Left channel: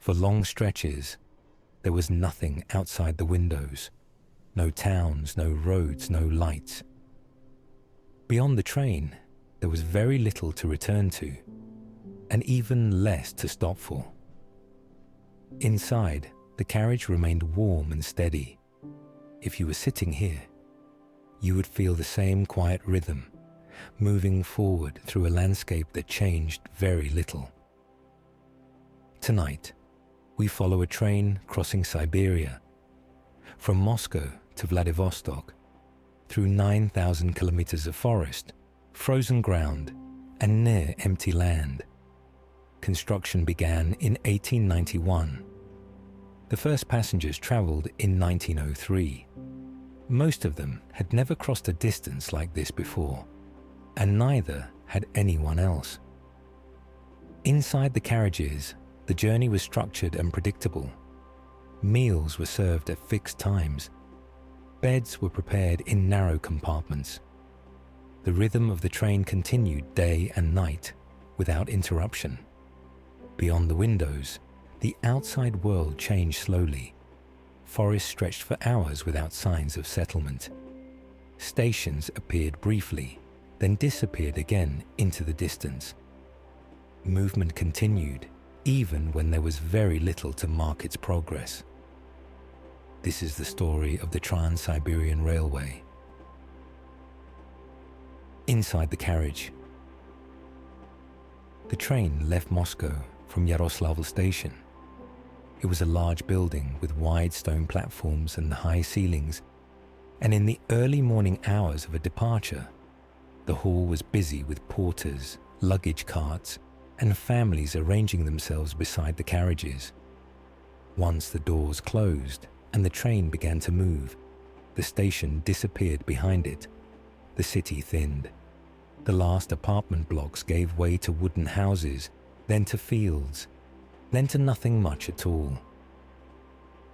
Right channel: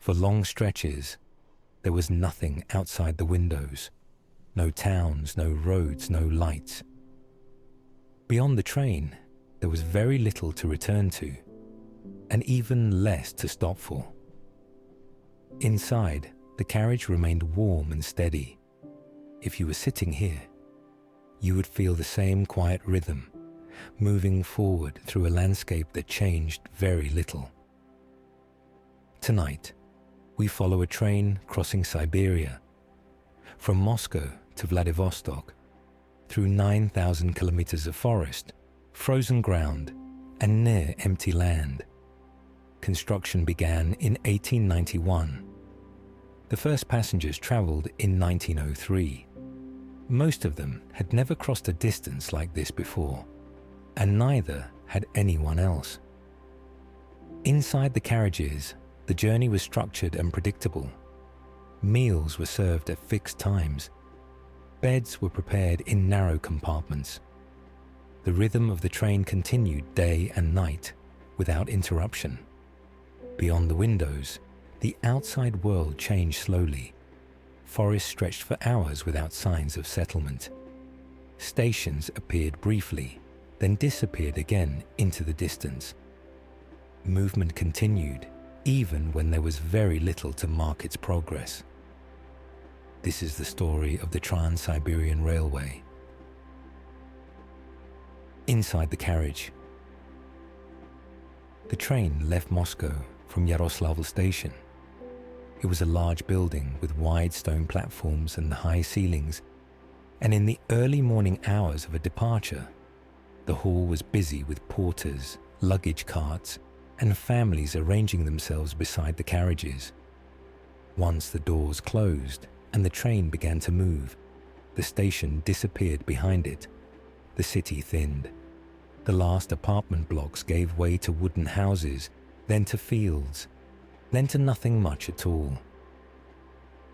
For long stretches, there was nothing outside the windows. No towns, no roads, no lights. Beyond the train, there was very little to return to, and even less to stop for. Inside, the carriage remained warm and steady. If you were sitting here, you would feel the same quiet rhythm, moving forward through a landscape that changed very little. Tonight, we follow a train crossing Siberia, from Moscow to Vladivostok, through 9,000 kilometers of forest, frozen ground, and near empty land. Construction began in 1891. The first passengers traveled in 1903. Most of them had never crossed a distance like this before, and neither had anyone else. Inside the carriages, the journey was structured and predictable. Meals were served at fixed times. Beds were prepared in narrow compartments. The rhythm of the train continued day and night, without interruption. Beyond the windows, the outside world changed slowly. Forests stretched for hours without signs of settlement. Stations appeared briefly, then disappeared again into the distance. Movement continued, even when there was very little to mark its progress. This is the story of the Trans-Siberian Railway. Inside the carriage. The train left Moscow from Yaroslavl station. It was a large building with wide stone platforms and high ceilings, and in the early morning hours of a departure, the hall was busy with porters, luggage carts, and families arranging themselves beside the carriages. Once the doors closed and the train began to move, the station disappeared behind it. The city thinned. The last apartment blocks gave way to wooden houses, then to fields, then to nothing much at all.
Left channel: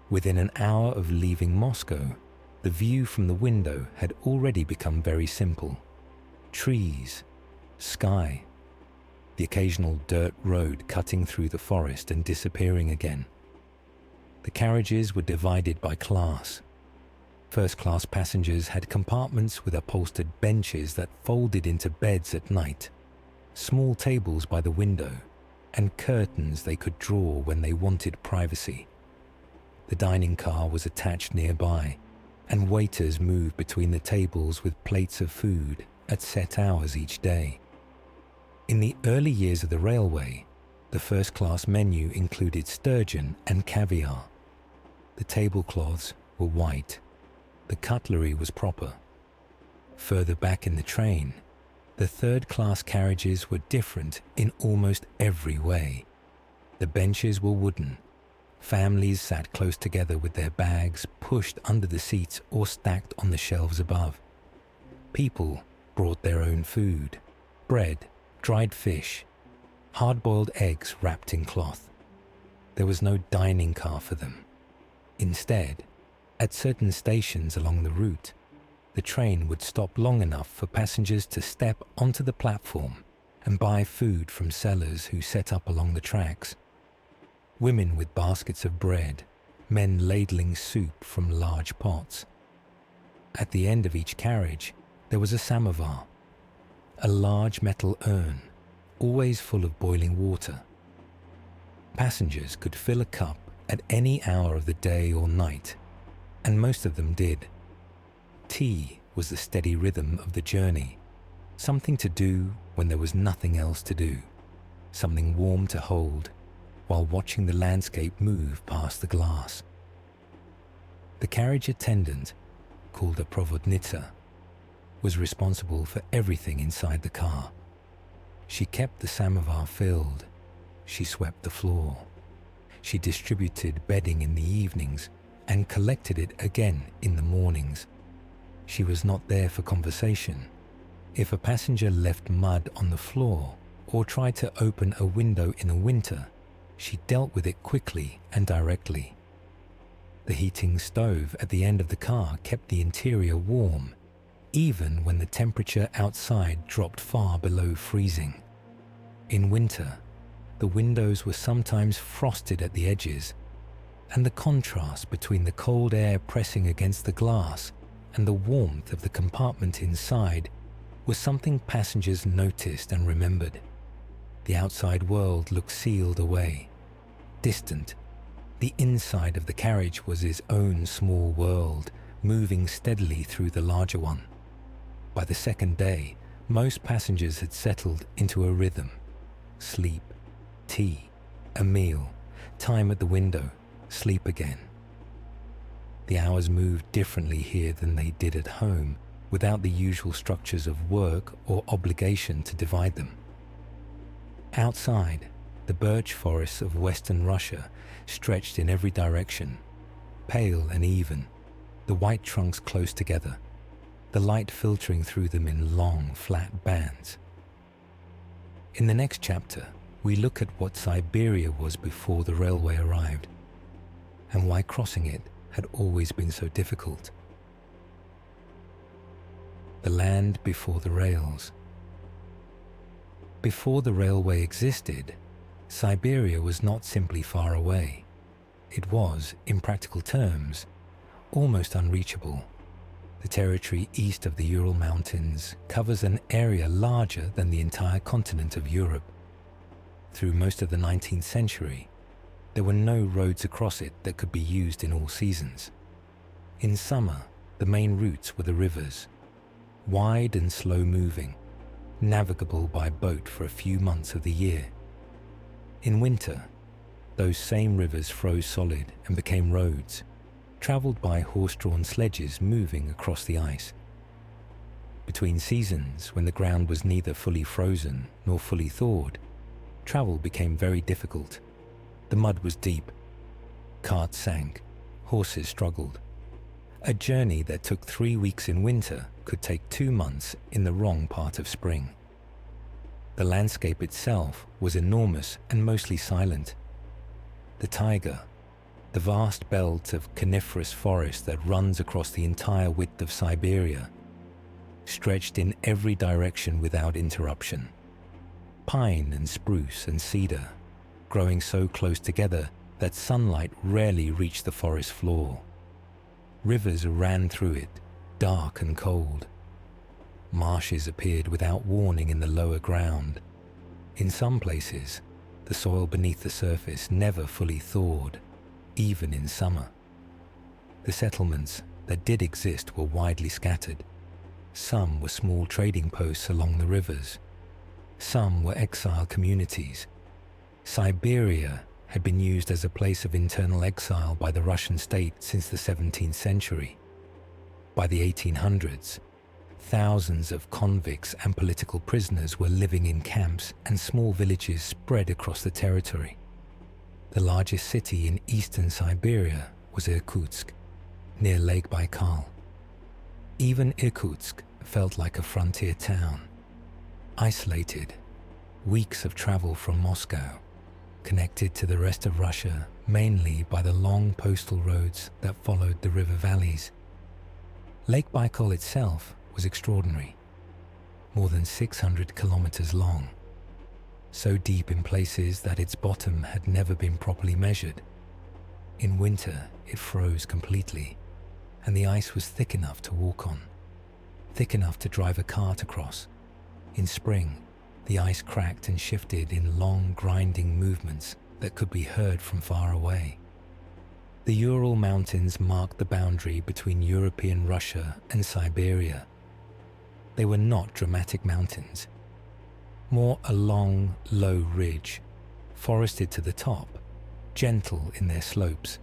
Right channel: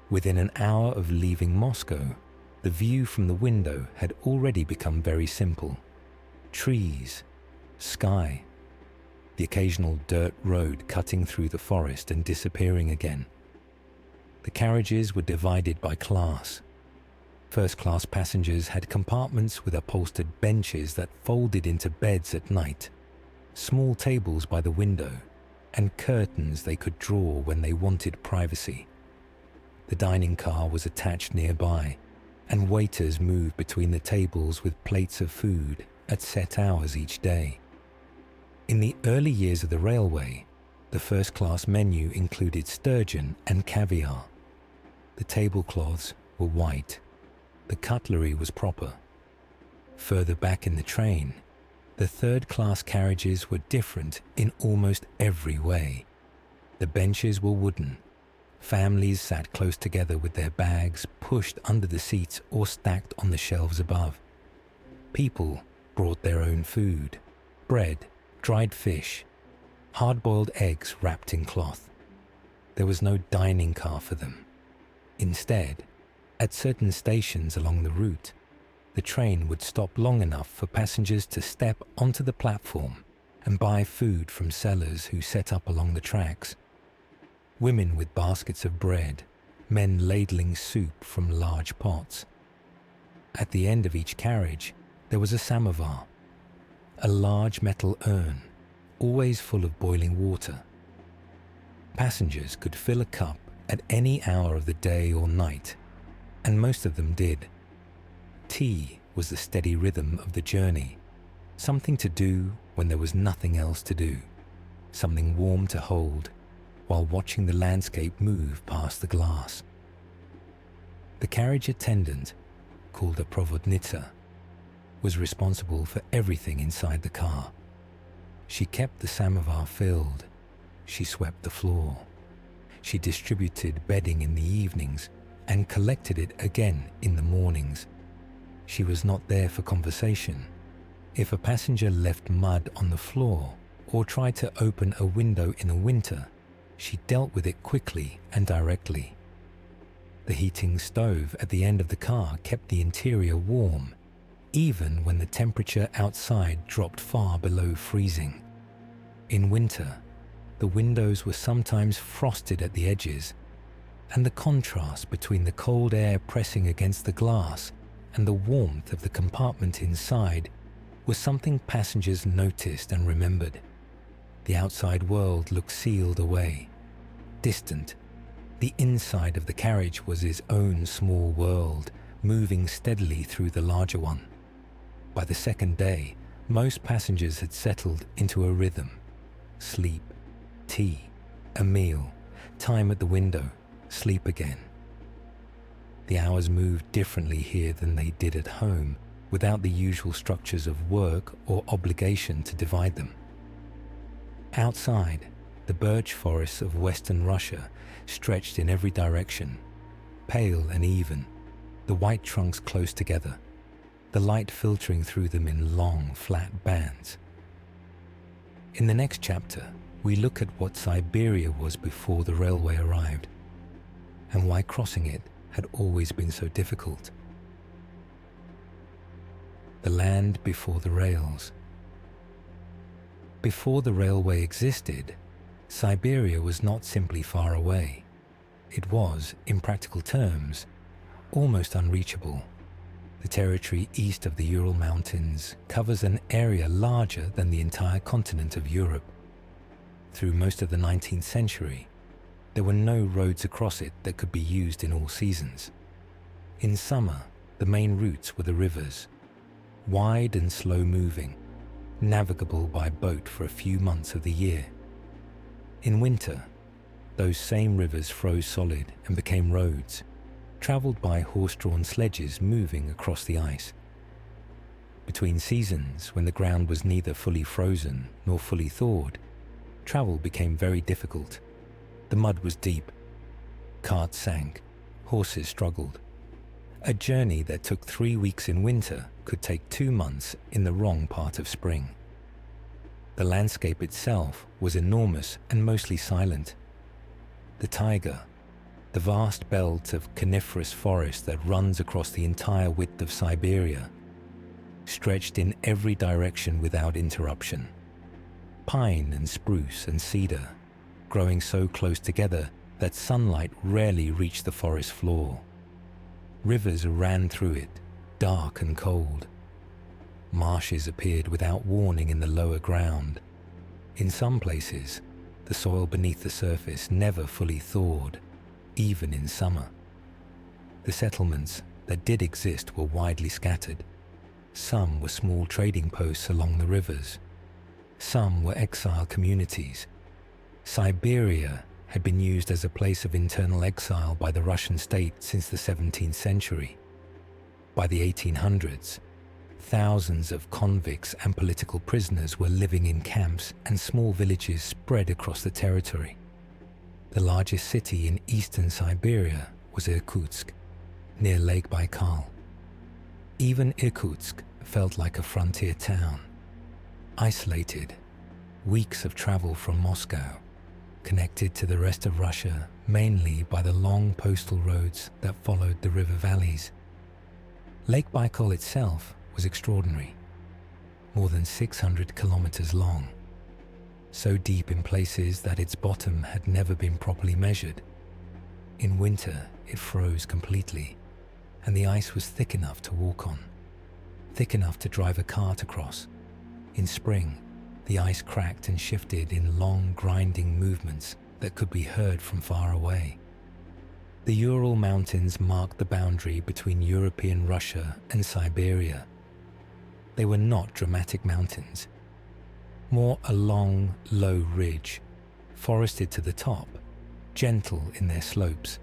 Within an hour of leaving Moscow, the view from the window had already become very simple. Trees, sky, the occasional dirt road cutting through the forest and disappearing again. The carriages were divided by class. First-class passengers had compartments with upholstered benches that folded into beds at night, small tables by the window, and curtains they could draw when they wanted privacy. The dining car was attached nearby, and waiters moved between the tables with plates of food at set hours each day. In the early years of the railway, the first-class menu included sturgeon and caviar. The tablecloths were white. The cutlery was proper. Further back in the train, the third-class carriages were different in almost every way. The benches were wooden. Families sat close together with their bags pushed under the seats or stacked on the shelves above. People brought their own food, bread, dried fish, hard-boiled eggs wrapped in cloth. There was no dining car for them. Instead, at certain stations along the route, the train would stop long enough for passengers to step onto the platform and buy food from sellers who set up along the tracks. Women with baskets of bread, men ladling soup from large pots. At the end of each carriage, there was a samovar, a large metal urn, always full of boiling water. Passengers could fill a cup at any hour of the day or night, and most of them did. Tea was the steady rhythm of the journey, something to do when there was nothing else to do, something warm to hold while watching the landscape move past the glass. The carriage attendant, called a provodnitsa, was responsible for everything inside the car. She kept the samovar filled. She swept the floor. She distributed bedding in the evenings and collected it again in the mornings. She was not there for conversation. If a passenger left mud on the floor or tried to open a window in the winter, she dealt with it quickly and directly. The heating stove at the end of the car kept the interior warm, even when the temperature outside dropped far below freezing. In winter, the windows were sometimes frosted at the edges, and the contrast between the cold air pressing against the glass and the warmth of the compartment inside was something passengers noticed and remembered. The outside world looked sealed away, distant. The inside of the carriage was its own small world, moving steadily through the larger one. By the second day, most passengers had settled into a rhythm. Sleep, tea, a meal, time at the window, sleep again. The hours moved differently here than they did at home, without the usual structures of work or obligation to divide them. Outside, the birch forests of western Russia stretched in every direction, pale and even, the white trunks close together, the light filtering through them in long, flat bands. In the next chapter, we look at what Siberia was before the railway arrived, and why crossing it had always been so difficult. The land before the rails. Before the railway existed, Siberia was not simply far away. It was, in practical terms, almost unreachable. The territory east of the Ural Mountains covers an area larger than the entire continent of Europe. Through most of the 19th century, there were no roads across it that could be used in all seasons. In summer, the main routes were the rivers, wide and slow-moving, navigable by boat for a few months of the year. In winter, those same rivers froze solid and became roads, travelled by horse-drawn sledges moving across the ice. Between seasons, when the ground was neither fully frozen nor fully thawed, travel became very difficult. The mud was deep, carts sank, horses struggled. A journey that took 3 weeks in winter could take 2 months in the wrong part of spring. The landscape itself was enormous and mostly silent. The taiga, the vast belt of coniferous forest that runs across the entire width of Siberia, stretched in every direction without interruption. Pine and spruce and cedar, growing so close together that sunlight rarely reached the forest floor. Rivers ran through it, dark and cold. Marshes appeared without warning in the lower ground. In some places, the soil beneath the surface never fully thawed, even in summer. The settlements that did exist were widely scattered. Some were small trading posts along the rivers. Some were exile communities. Siberia had been used as a place of internal exile by the Russian state since the 17th century. By the 1800s, thousands of convicts and political prisoners were living in camps and small villages spread across the territory. The largest city in eastern Siberia was Irkutsk, near Lake Baikal. Even Irkutsk felt like a frontier town, isolated, weeks of travel from Moscow, connected to the rest of Russia mainly by the long postal roads that followed the river valleys. Lake Baikal itself was extraordinary, more than 600 kilometers long, so deep in places that its bottom had never been properly measured. In winter, it froze completely, and the ice was thick enough to walk on, thick enough to drive a cart across. In spring, the ice cracked and shifted in long, grinding movements that could be heard from far away. The Ural Mountains marked the boundary between European Russia and Siberia. They were not dramatic mountains, more a long, low ridge, forested to the top, gentle in their slopes.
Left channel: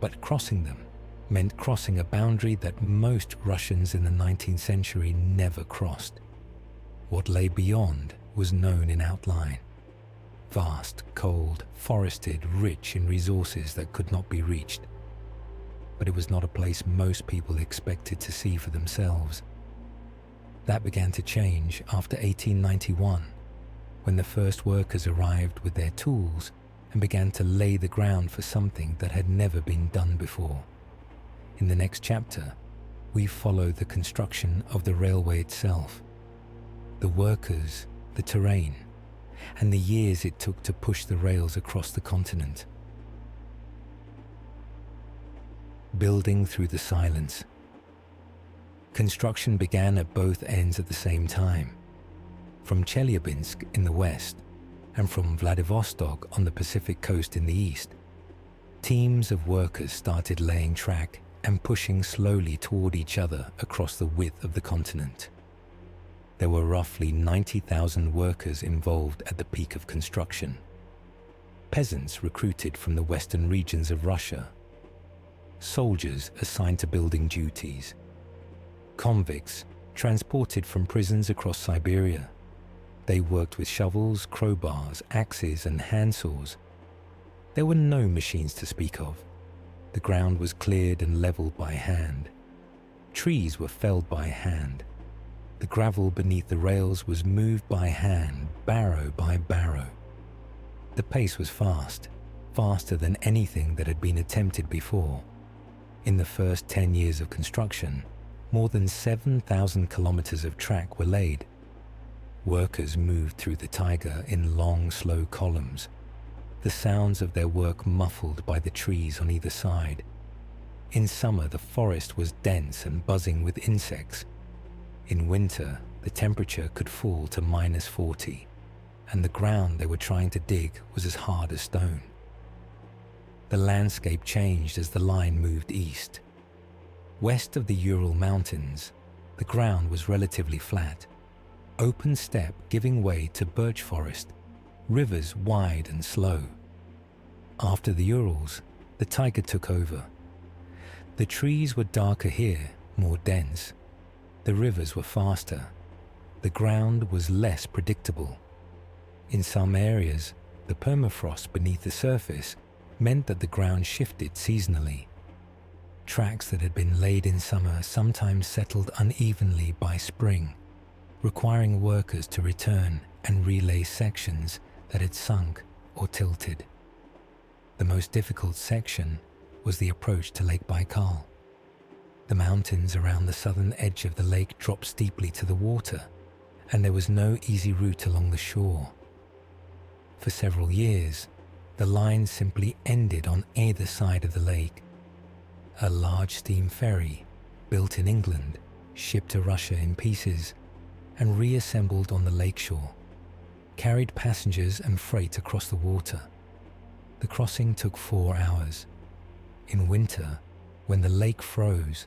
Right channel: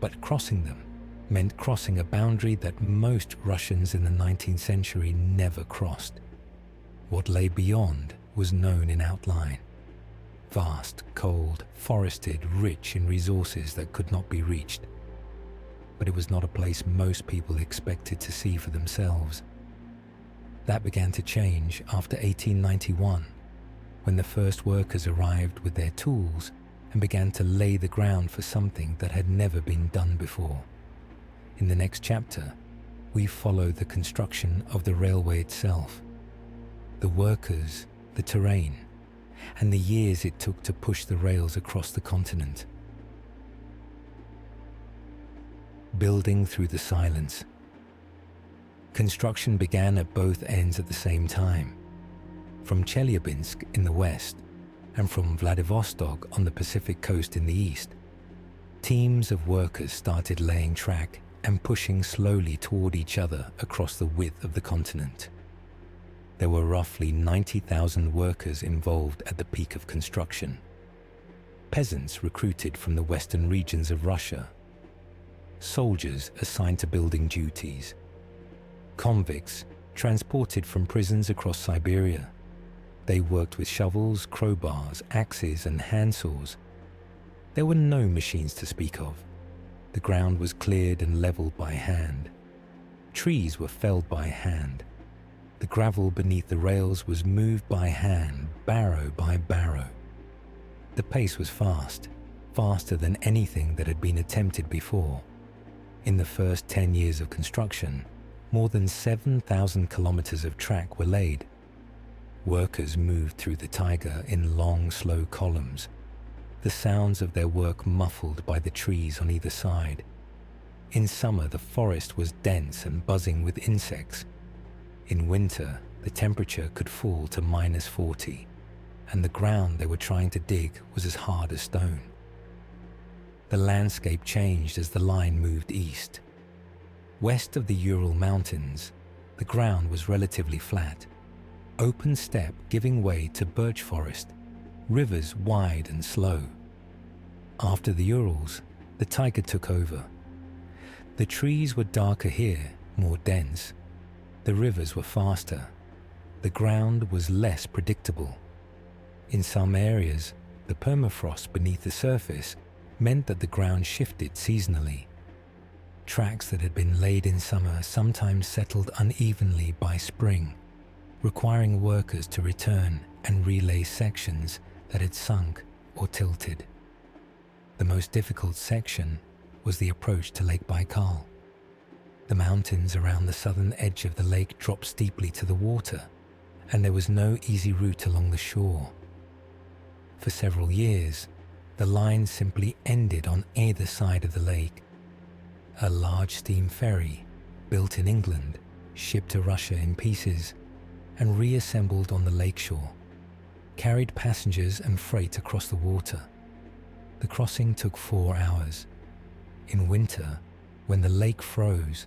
But crossing them meant crossing a boundary that most Russians in the 19th century never crossed. What lay beyond was known in outline. Vast, cold, forested, rich in resources that could not be reached. But it was not a place most people expected to see for themselves. That began to change after 1891, when the first workers arrived with their tools and began to lay the ground for something that had never been done before. In the next chapter, we follow the construction of the railway itself. The workers, the terrain, and the years it took to push the rails across the continent. Building through the silence. Construction began at both ends at the same time, from Chelyabinsk in the west and from Vladivostok on the Pacific coast in the east. Teams of workers started laying track and pushing slowly toward each other across the width of the continent. There were roughly 90,000 workers involved at the peak of construction. Peasants recruited from the western regions of Russia. Soldiers assigned to building duties. Convicts transported from prisons across Siberia. They worked with shovels, crowbars, axes, and handsaws. There were no machines to speak of. The ground was cleared and leveled by hand. Trees were felled by hand. The gravel beneath the rails was moved by hand, barrow by barrow. The pace was fast, faster than anything that had been attempted before. In the first 10 years of construction, more than 7,000 kilometers of track were laid. Workers moved through the taiga in long, slow columns, the sounds of their work muffled by the trees on either side. In summer, the forest was dense and buzzing with insects. In winter, the temperature could fall to -40, and the ground they were trying to dig was as hard as stone. The landscape changed as the line moved east. West of the Ural Mountains, the ground was relatively flat, open steppe giving way to birch forest, rivers wide and slow. After the Urals, the taiga took over. The trees were darker here, more dense. The rivers were faster. The ground was less predictable. In some areas, the permafrost beneath the surface meant that the ground shifted seasonally. Tracks that had been laid in summer sometimes settled unevenly by spring, requiring workers to return and relay sections that had sunk or tilted. The most difficult section was the approach to Lake Baikal. The mountains around the southern edge of the lake dropped steeply to the water, and there was no easy route along the shore. For several years, the line simply ended on either side of the lake. A large steam ferry, built in England, shipped to Russia in pieces, and reassembled on the lakeshore, carried passengers and freight across the water. The crossing took 4 hours. In winter, when the lake froze,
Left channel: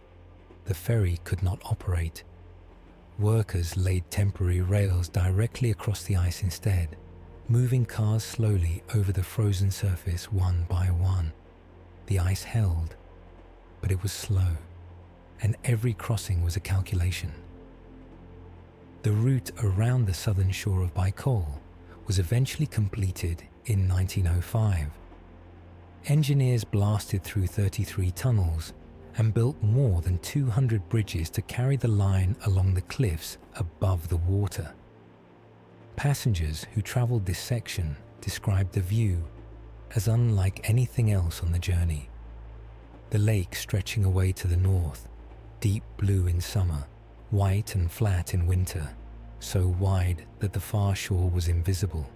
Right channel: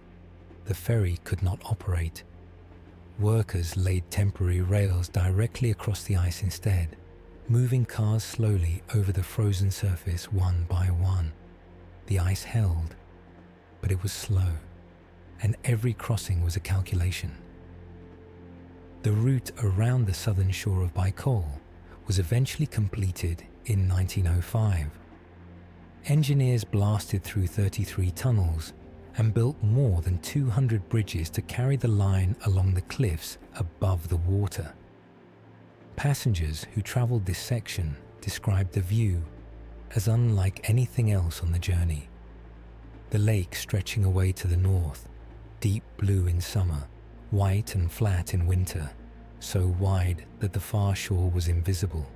the ferry could not operate. Workers laid temporary rails directly across the ice instead, moving cars slowly over the frozen surface one by one. The ice held, but it was slow, and every crossing was a calculation. The route around the southern shore of Baikal was eventually completed in 1905. Engineers blasted through 33 tunnels and built more than 200 bridges to carry the line along the cliffs above the water. Passengers who traveled this section described the view as unlike anything else on the journey. The lake stretching away to the north, deep blue in summer, white and flat in winter, so wide that the far shore was invisible.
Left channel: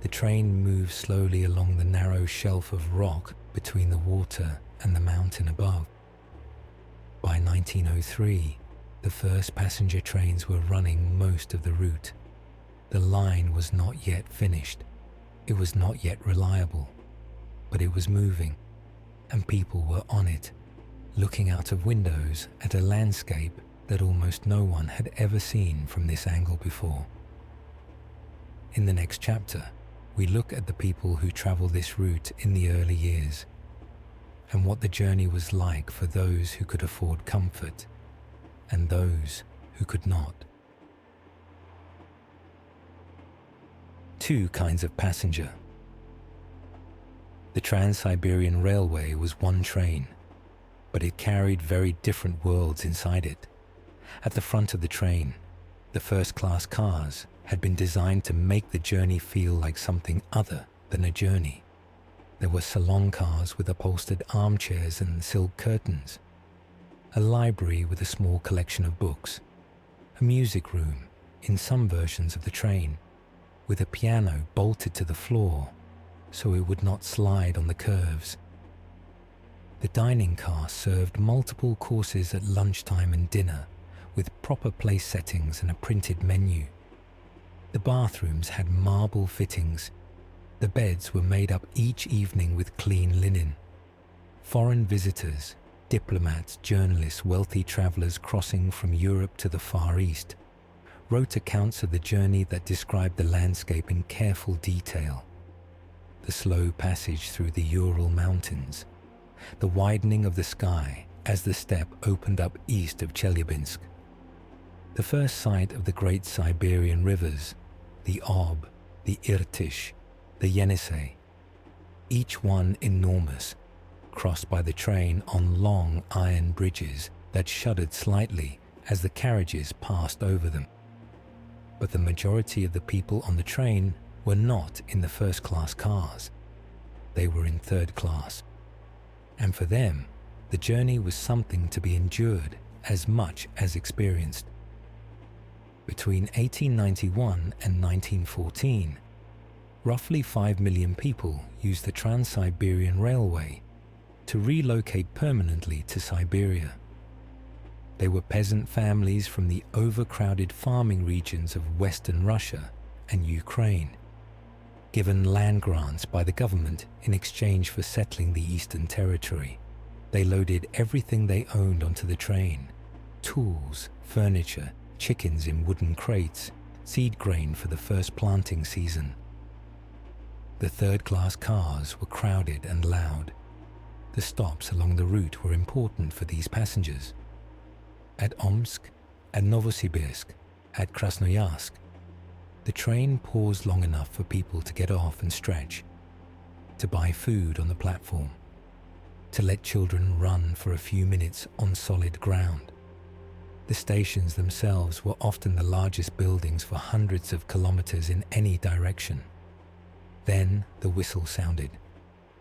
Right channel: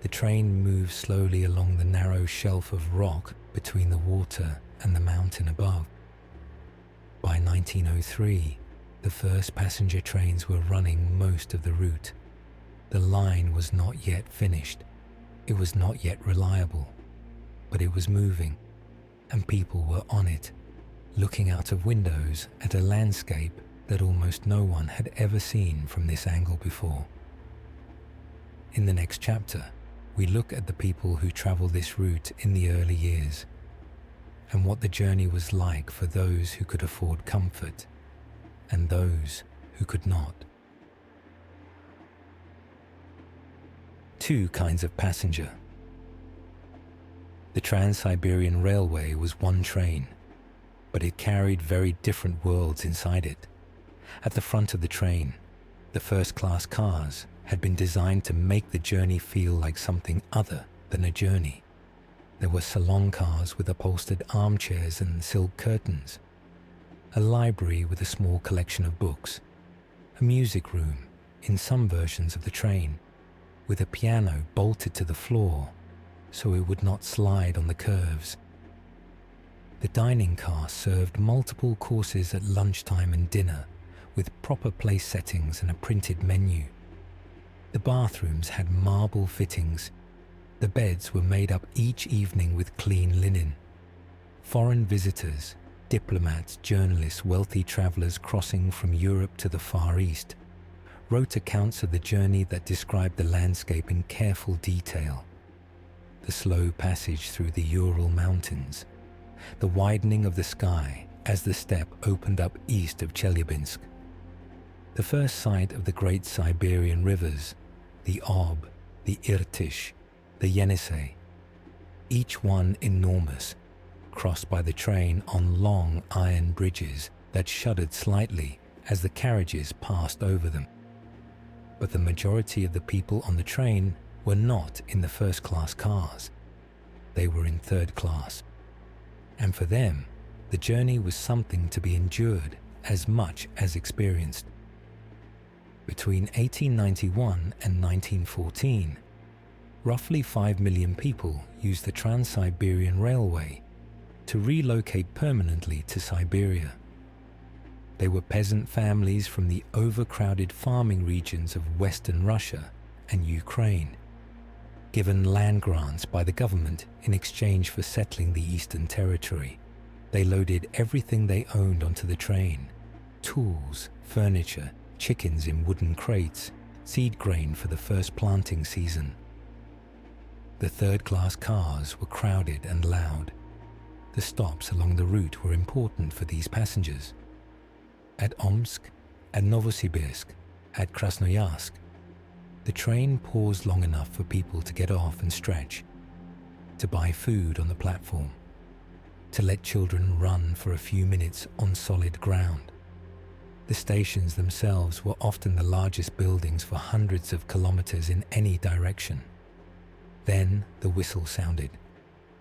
The train moved slowly along the narrow shelf of rock between the water and the mountain above. By 1903, the first passenger trains were running most of the route. The line was not yet finished. It was not yet reliable, but it was moving, and people were on it, looking out of windows at a landscape that almost no one had ever seen from this angle before. In the next chapter, we look at the people who traveled this route in the early years, and what the journey was like for those who could afford comfort and those who could not. Two kinds of passenger. The Trans-Siberian Railway was one train, but it carried very different worlds inside it. At the front of the train, the first-class cars had been designed to make the journey feel like something other than a journey. There were salon cars with upholstered armchairs and silk curtains, a library with a small collection of books, a music room in some versions of the train, with a piano bolted to the floor so it would not slide on the curves. The dining car served multiple courses at lunchtime and dinner, with proper place settings and a printed menu. The bathrooms had marble fittings. The beds were made up each evening with clean linen. Foreign visitors, diplomats, journalists, wealthy travelers crossing from Europe to the Far East, wrote accounts of the journey that described the landscape in careful detail. The slow passage through the Ural Mountains, the widening of the sky as the steppe opened up east of Chelyabinsk, the first sight of the great Siberian rivers, the Ob, the Irtysh, the Yenisei, each one enormous, crossed by the train on long iron bridges that shuddered slightly as the carriages passed over them. But the majority of the people on the train were not in the first-class cars. They were in third class. And for them, the journey was something to be endured as much as experienced. Between 1891 and 1914, roughly 5 million people used the Trans-Siberian Railway to relocate permanently to Siberia. They were peasant families from the overcrowded farming regions of Western Russia and Ukraine, given land grants by the government in exchange for settling the Eastern Territory. They loaded everything they owned onto the train: tools, furniture, chickens in wooden crates, seed grain for the first planting season. The third-class cars were crowded and loud. The stops along the route were important for these passengers. At Omsk, at Novosibirsk, at Krasnoyarsk, the train paused long enough for people to get off and stretch, to buy food on the platform, to let children run for a few minutes on solid ground. The stations themselves were often the largest buildings for hundreds of kilometers in any direction. Then the whistle sounded.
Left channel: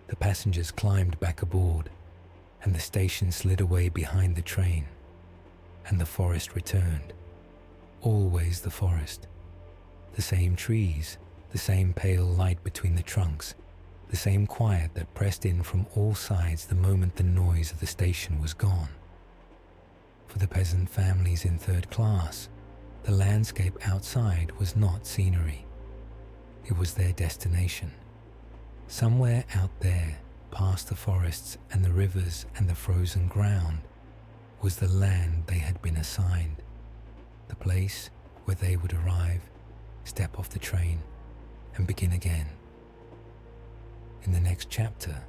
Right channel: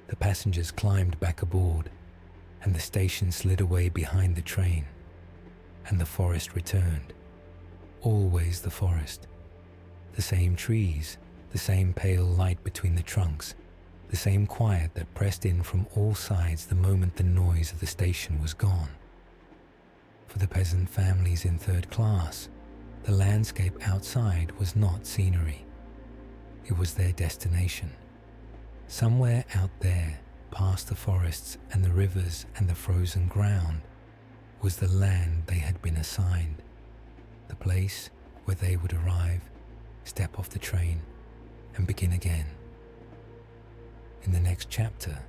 The passengers climbed back aboard, and the station slid away behind the train, and the forest returned. Always the forest. The same trees, the same pale light between the trunks, the same quiet that pressed in from all sides the moment the noise of the station was gone. For the peasant families in third class, the landscape outside was not scenery. It was their destination. Somewhere out there, past the forests and the rivers and the frozen ground, was the land they had been assigned, the place where they would arrive, step off the train, and begin again. In the next chapter,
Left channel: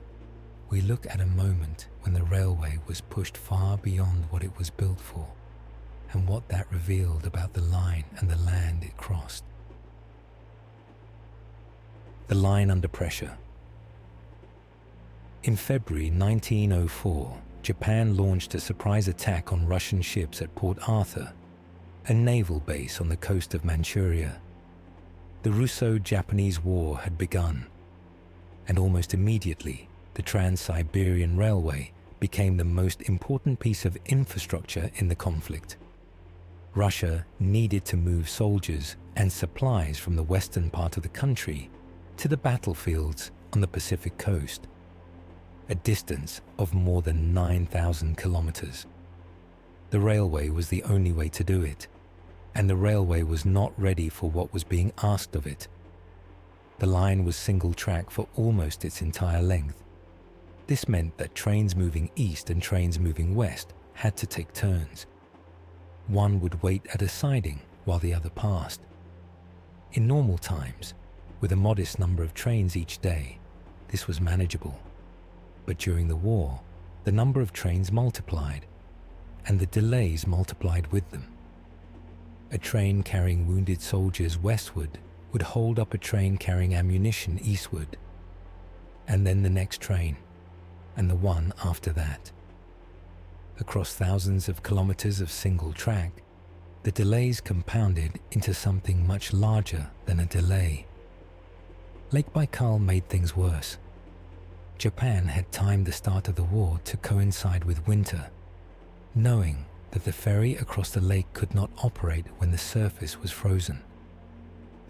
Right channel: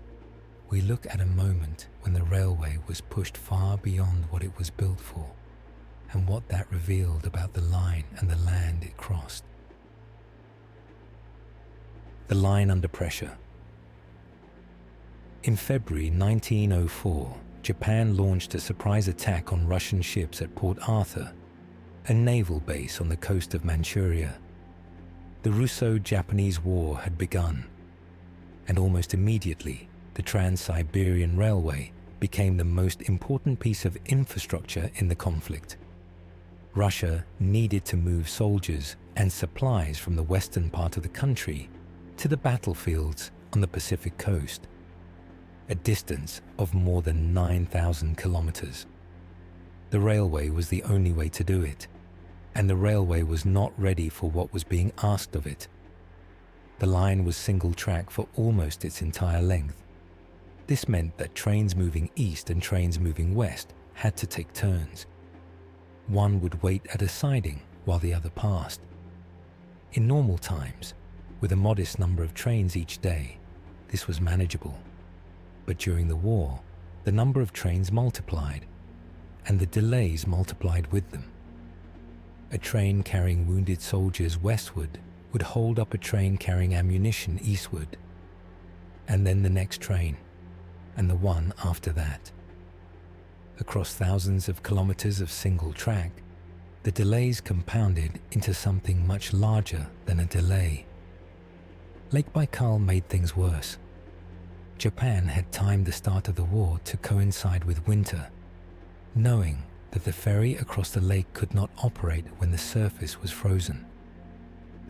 we look at a moment when the railway was pushed far beyond what it was built for, and what that revealed about the line and the land it crossed. The line under pressure. In February 1904, Japan launched a surprise attack on Russian ships at Port Arthur, a naval base on the coast of Manchuria. The Russo-Japanese War had begun, and almost immediately, the Trans-Siberian Railway became the most important piece of infrastructure in the conflict. Russia needed to move soldiers and supplies from the western part of the country to the battlefields on the Pacific coast, a distance of more than 9,000 kilometers. The railway was the only way to do it, and the railway was not ready for what was being asked of it. The line was single track for almost its entire length. This meant that trains moving east and trains moving west had to take turns. One would wait at a siding while the other passed. In normal times, with a modest number of trains each day, this was manageable. But during the war, the number of trains multiplied, and the delays multiplied with them. A train carrying wounded soldiers westward would hold up a train carrying ammunition eastward, and then the next train, and the one after that. Across thousands of kilometers of single track, the delays compounded into something much larger than a delay. Lake Baikal made things worse. Japan had timed the start of the war to coincide with winter, knowing that the ferry across the lake could not operate when the surface was frozen.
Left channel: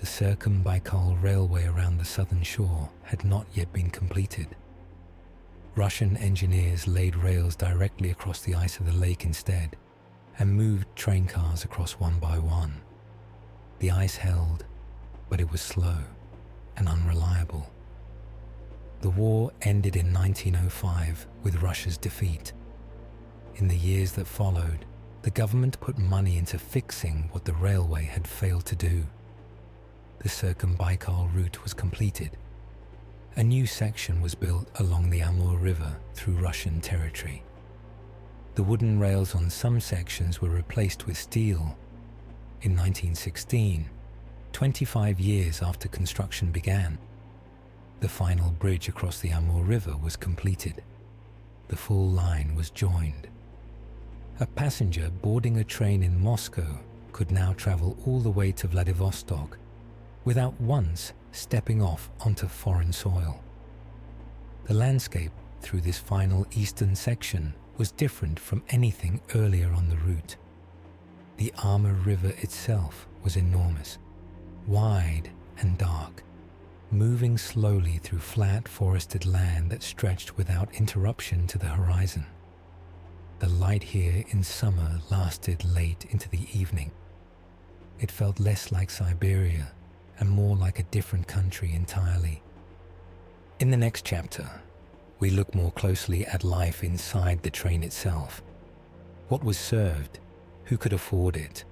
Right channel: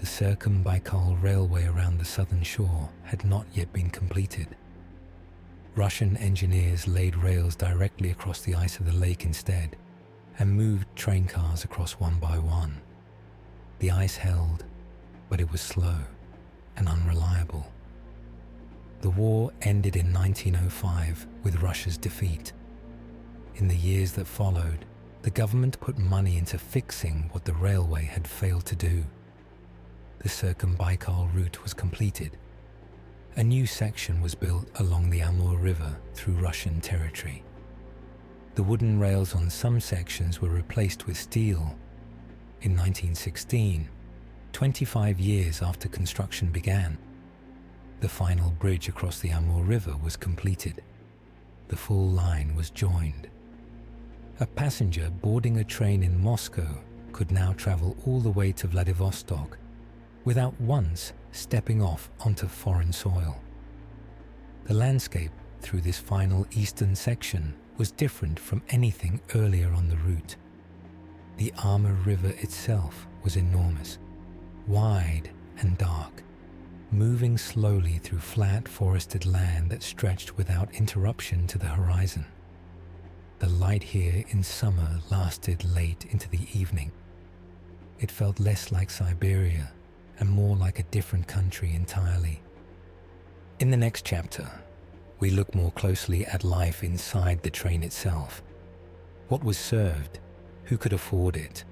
The Trans-Siberian Railway around the southern shore had not yet been completed. Russian engineers laid rails directly across the ice of the lake instead, and moved train cars across one by one. The ice held, but it was slow and unreliable. The war ended in 1905 with Russia's defeat. In the years that followed, the government put money into fixing what the railway had failed to do. The Trans-Siberian route was completed. A new section was built along the Amur River through Russian territory. The wooden rails on some sections were replaced with steel. In 1916, 25 years after construction began, the final bridge across the Amur River was completed. The full line was joined. A passenger boarding a train in Moscow could now travel all the way to Vladivostok without once stepping off onto foreign soil. The landscape through this final eastern section was different from anything earlier on the route. The Amur River itself was enormous, wide and dark, moving slowly through flat forested land that stretched without interruption to the horizon. The light here in summer lasted late into the evening. It felt less like Siberia and more like a different country entirely. In the next chapter, we look more closely at life inside the train itself. What was served, who could afford it,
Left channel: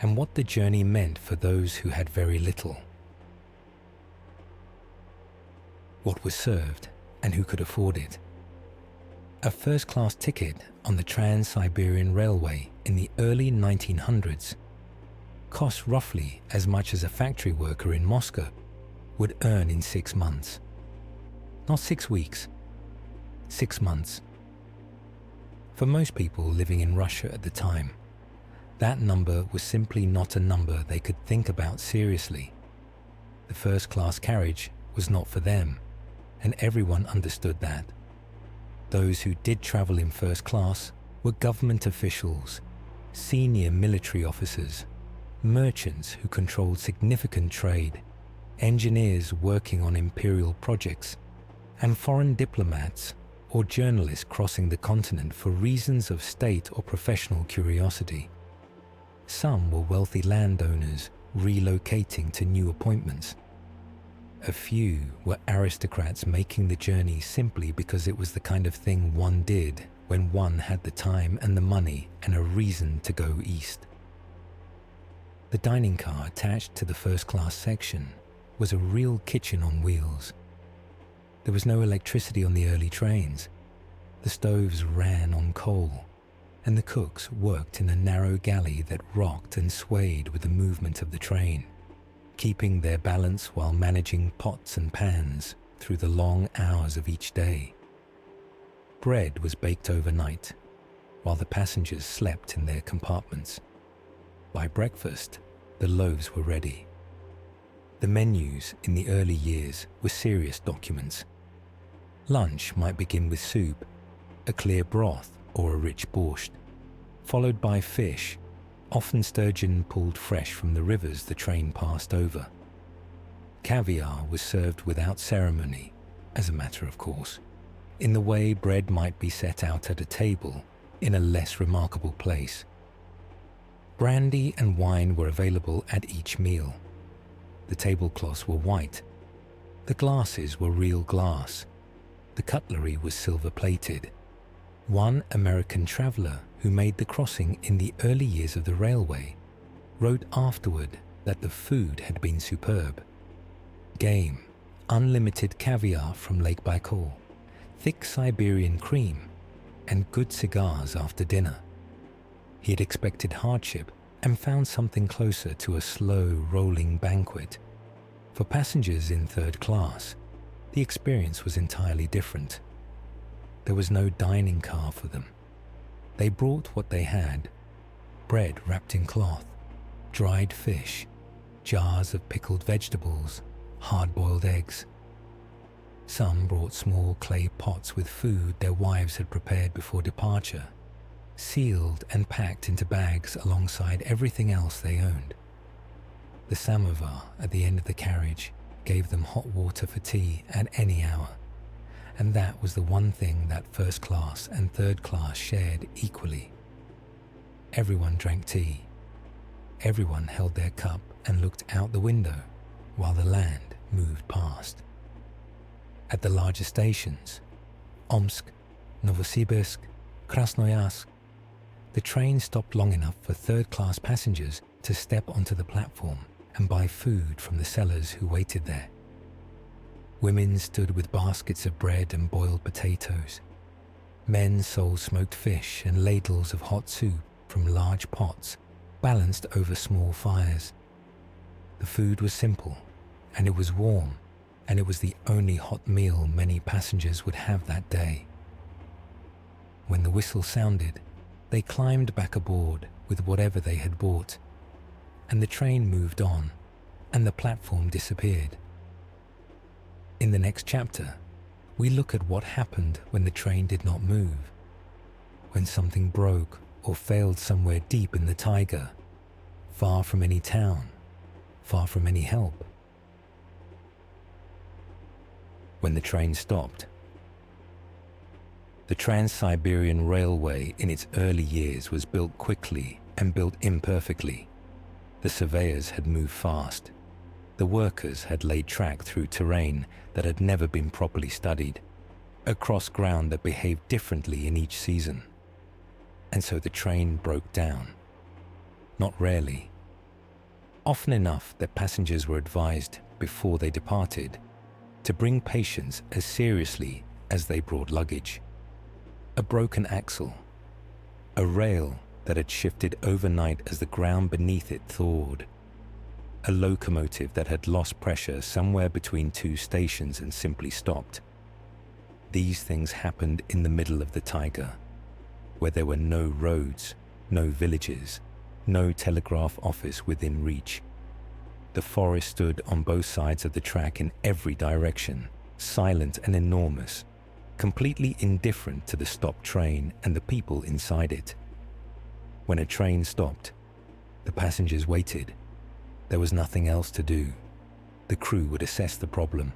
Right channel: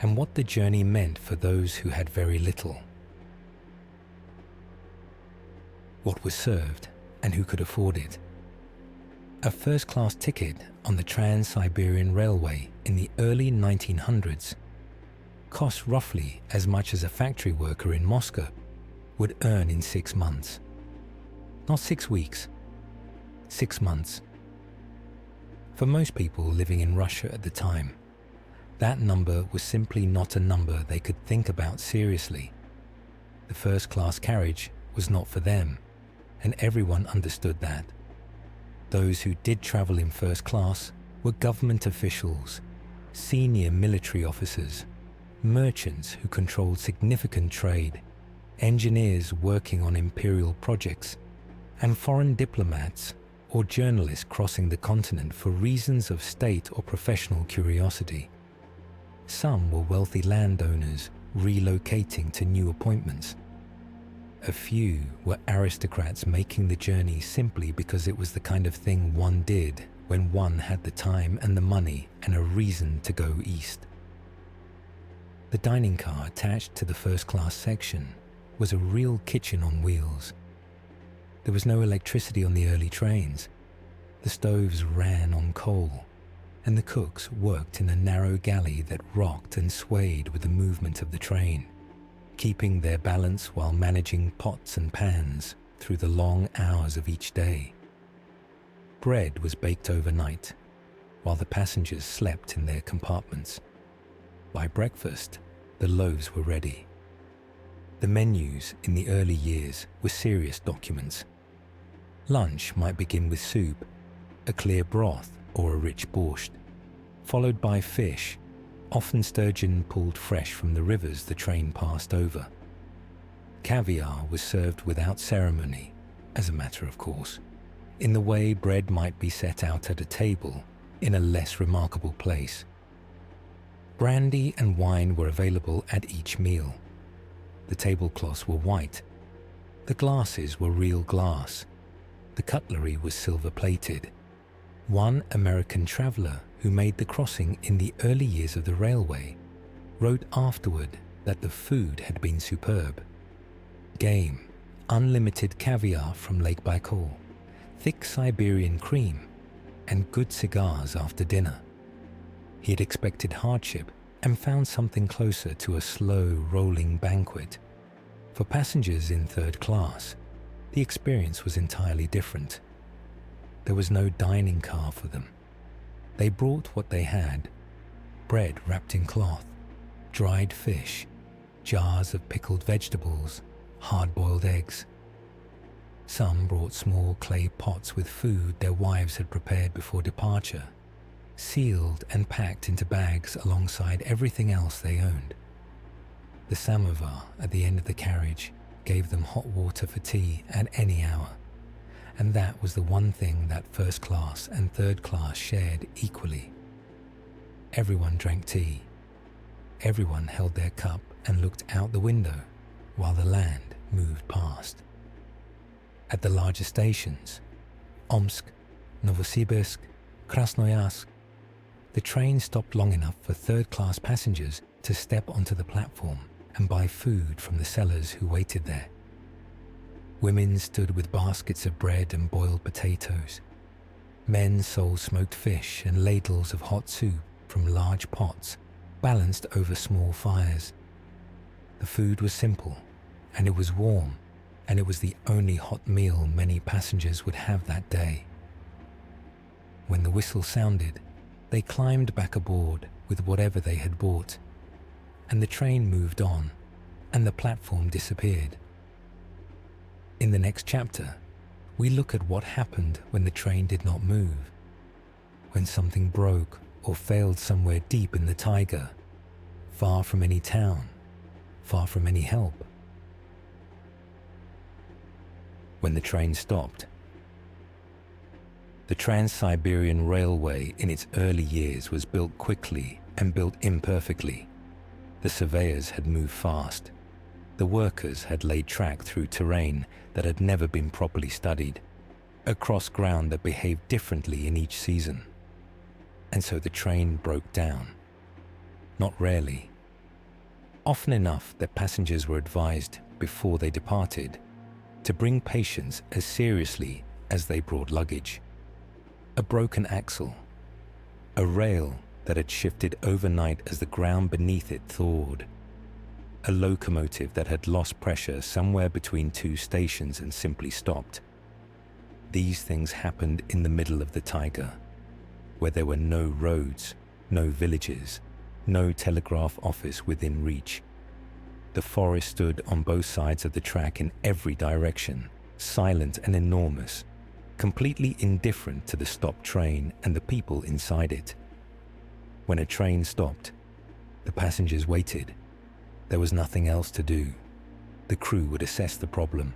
and what the journey meant for those who had very little. What was served, and who could afford it. A first-class ticket on the Trans-Siberian Railway in the early 1900s cost roughly as much as a factory worker in Moscow would earn in 6 months. Not 6 weeks, 6 months. For most people living in Russia at the time, that number was simply not a number they could think about seriously. The first-class carriage was not for them, and everyone understood that. Those who did travel in first class were government officials, senior military officers, merchants who controlled significant trade, engineers working on imperial projects, and foreign diplomats or journalists crossing the continent for reasons of state or professional curiosity. Some were wealthy landowners relocating to new appointments. A few were aristocrats making the journey simply because it was the kind of thing one did when one had the time and the money and a reason to go east. The dining car attached to the first-class section was a real kitchen on wheels. There was no electricity on the early trains. The stoves ran on coal, and the cooks worked in a narrow galley that rocked and swayed with the movement of the train, keeping their balance while managing pots and pans through the long hours of each day. Bread was baked overnight, while the passengers slept in their compartments. By breakfast, the loaves were ready. The menus in the early years were serious documents. Lunch might begin with soup, a clear broth or a rich borscht, followed by fish, often sturgeon pulled fresh from the rivers the train passed over. Caviar was served without ceremony, as a matter of course, in the way bread might be set out at a table in a less remarkable place. Brandy and wine were available at each meal. The tablecloths were white. The glasses were real glass. The cutlery was silver-plated. One American traveler who made the crossing in the early years of the railway wrote afterward that the food had been superb. Game, unlimited caviar from Lake Baikal, thick Siberian cream, and good cigars after dinner. He had expected hardship and found something closer to a slow, rolling banquet. For passengers in third class, the experience was entirely different. There was no dining car for them. They brought what they had: bread wrapped in cloth, dried fish, jars of pickled vegetables, hard-boiled eggs. Some brought small clay pots with food their wives had prepared before departure, sealed and packed into bags alongside everything else they owned. The samovar at the end of the carriage gave them hot water for tea at any hour, and that was the one thing that first class and third class shared equally. Everyone drank tea. Everyone held their cup and looked out the window while the land moved past. At the larger stations, Omsk, Novosibirsk, Krasnoyarsk, the train stopped long enough for third-class passengers to step onto the platform and buy food from the sellers who waited there. Women stood with baskets of bread and boiled potatoes. Men sold smoked fish and ladles of hot soup from large pots balanced over small fires. The food was simple, and it was warm, and it was the only hot meal many passengers would have that day. When the whistle sounded, they climbed back aboard with whatever they had bought, and the train moved on, and the platform disappeared. In the next chapter, we look at what happened when the train did not move, when something broke or failed somewhere deep in the taiga, far from any town, far from any help. When the train stopped. The Trans-Siberian Railway in its early years was built quickly and built imperfectly. The surveyors had moved fast. The workers had laid track through terrain that had never been properly studied, across ground that behaved differently in each season. And so the train broke down. Not rarely. Often enough that passengers were advised before they departed to bring patients as seriously as they brought luggage. A broken axle, a rail that had shifted overnight as the ground beneath it thawed, a locomotive that had lost pressure somewhere between two stations and simply stopped. These things happened in the middle of the taiga, where there were no roads, no villages, no telegraph office within reach. The forest stood on both sides of the track in every direction, silent and enormous, completely indifferent to the stopped train and the people inside it. When a train stopped, the passengers waited. There was nothing else to do. The crew would assess the problem.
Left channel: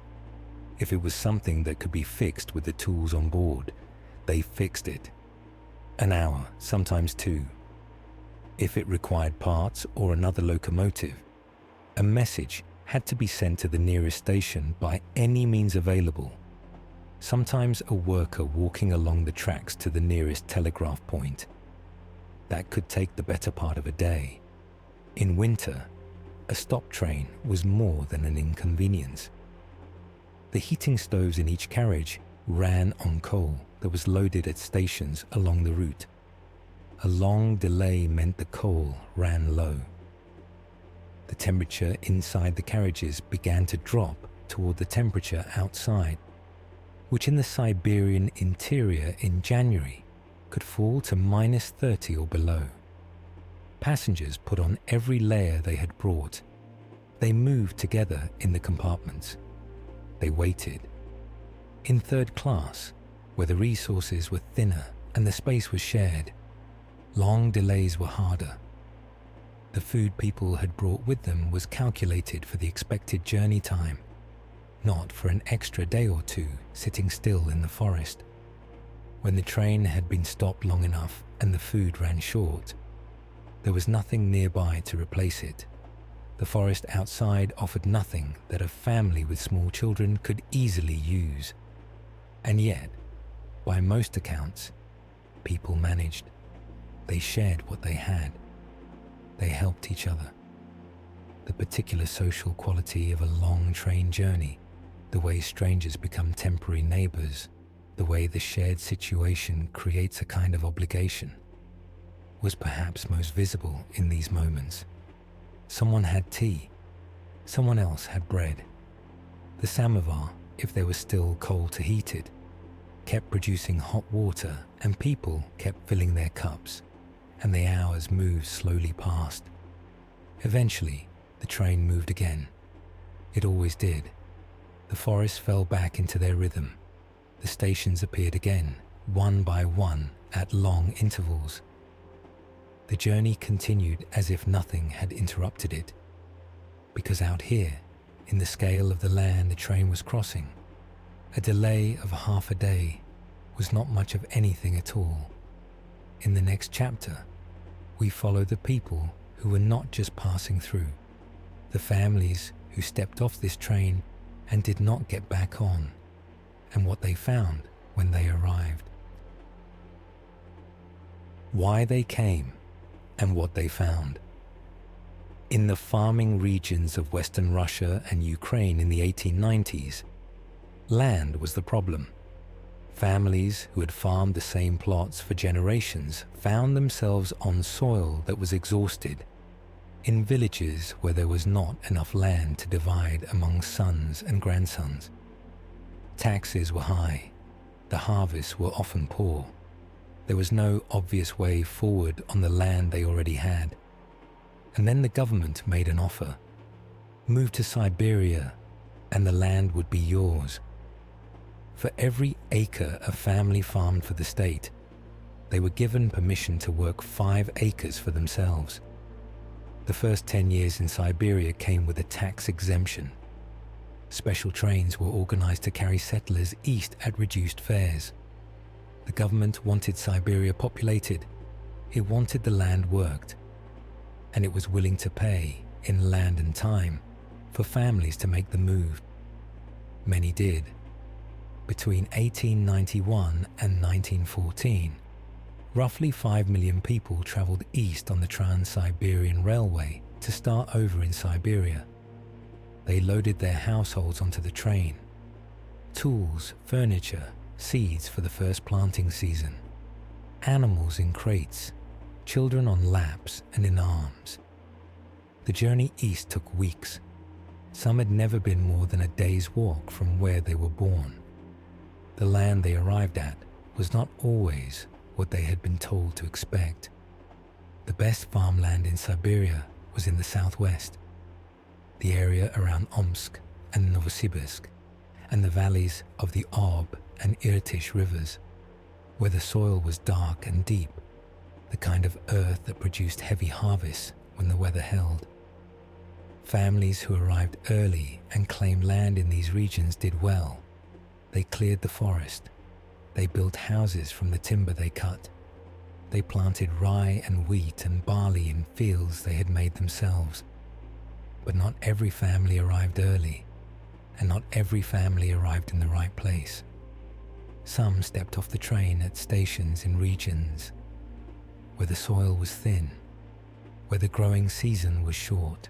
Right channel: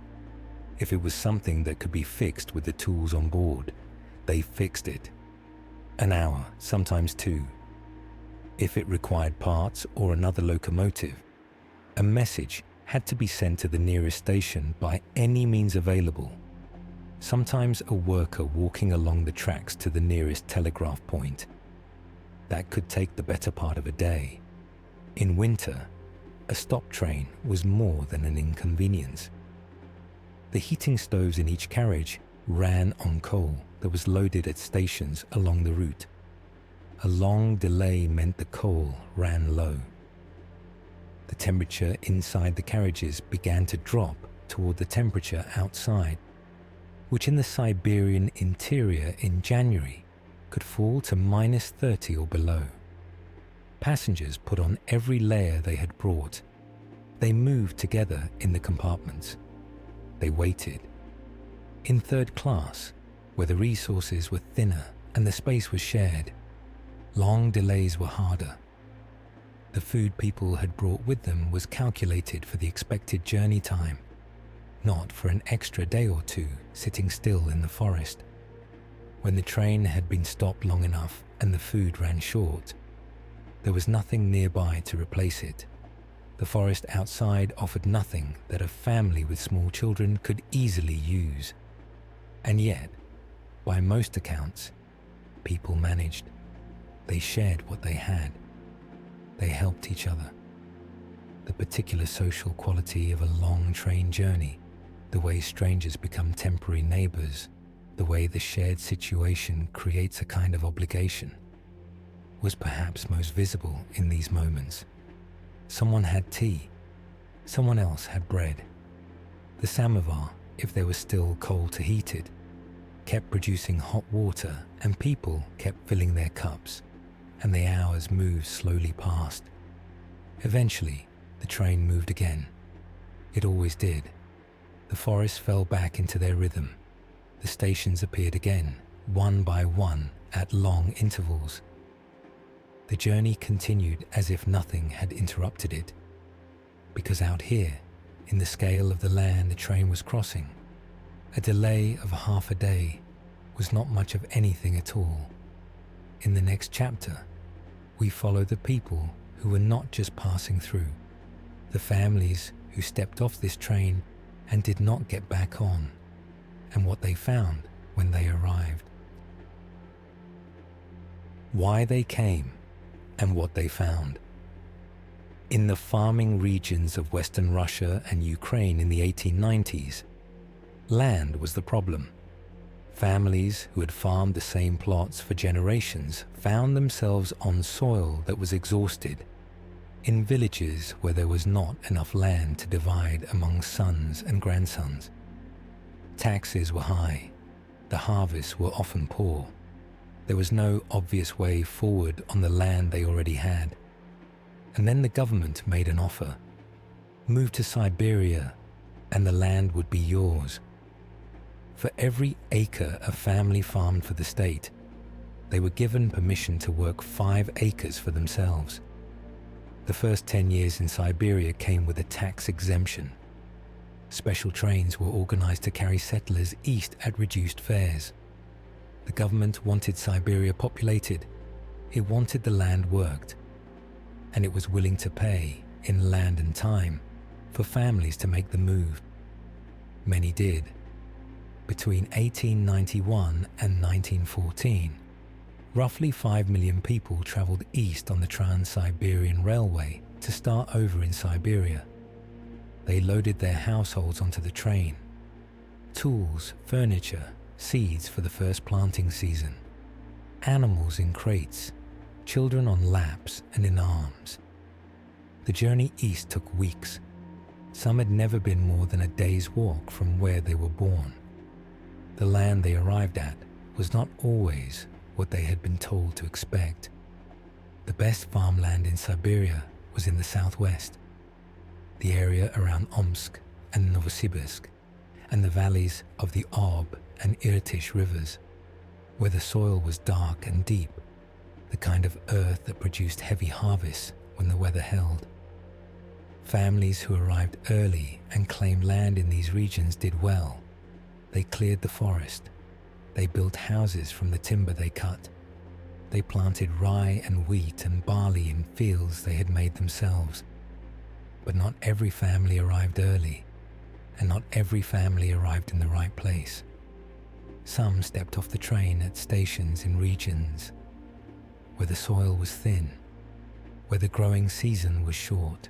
If it was something that could be fixed with the tools on board, they fixed it. An hour, sometimes two. If it required parts or another locomotive, a message had to be sent to the nearest station by any means available. Sometimes a worker walking along the tracks to the nearest telegraph point. That could take the better part of a day. In winter, a stop train was more than an inconvenience. The heating stoves in each carriage ran on coal that was loaded at stations along the route. A long delay meant the coal ran low. The temperature inside the carriages began to drop toward the temperature outside, which in the Siberian interior in January could fall to -30 or below. Passengers put on every layer they had brought. They moved together in the compartments. They waited. In third class, where the resources were thinner and the space was shared, long delays were harder. The food people had brought with them was calculated for the expected journey time, not for an extra day or two sitting still in the forest. When the train had been stopped long enough and the food ran short, there was nothing nearby to replace it. The forest outside offered nothing that a family with small children could easily use. And yet, by most accounts, people managed. They shared what they had. They helped each other. The particular social quality of a long train journey, the way strangers become temporary neighbors, the way the shared situation creates a kind of obligation, was perhaps most visible in these moments. Someone had tea. Someone else had bread. The samovar, if there was still coal to heat it, kept producing hot water, and people kept filling their cups, and the hours moved slowly past. Eventually, the train moved again. It always did. The forest fell back into their rhythm. The stations appeared again, one by one, at long intervals. The journey continued as if nothing had interrupted it. because out here, in the scale of the land the train was crossing, a delay of half a day was not much of anything at all. In the next chapter, we follow the people who were not just passing through, the families who stepped off this train and did not get back on, and what they found when they arrived. Why they came and what they found. In the farming regions of Western Russia and Ukraine in the 1890s, land was the problem. Families who had farmed the same plots for generations found themselves on soil that was exhausted, in villages where there was not enough land to divide among sons and grandsons. Taxes were high, the harvests were often poor. There was no obvious way forward on the land they already had. And then the government made an offer. Move to Siberia and the land would be yours. For every acre a family farmed for the state, they were given permission to work 5 acres for themselves. The first 10 years in Siberia came with a tax exemption. Special trains were organized to carry settlers east at reduced fares. The government wanted Siberia populated. It wanted the land worked. And it was willing to pay, in land and time, for families to make the move. Many did. Between 1891 and 1914, roughly 5 million people traveled east on the Trans-Siberian Railway to start over in Siberia. They loaded their households onto the train. Tools, furniture, seeds for the first planting season. Animals in crates, children on laps and in arms. The journey east took weeks. Some had never been more than a day's walk from where they were born. The land they arrived at was not always what they had been told to expect. The best farmland in Siberia was in the southwest, the area around Omsk and Novosibirsk, and the valleys of the Ob and Irtysh rivers, where the soil was dark and deep, the kind of earth that produced heavy harvests when the weather held. Families who arrived early and claimed land in these regions did well. They cleared the forest. They built houses from the timber they cut. They planted rye and wheat and barley in fields they had made themselves. But not every family arrived early, and not every family arrived in the right place. Some stepped off the train at stations in regions where the soil was thin, where the growing season was short,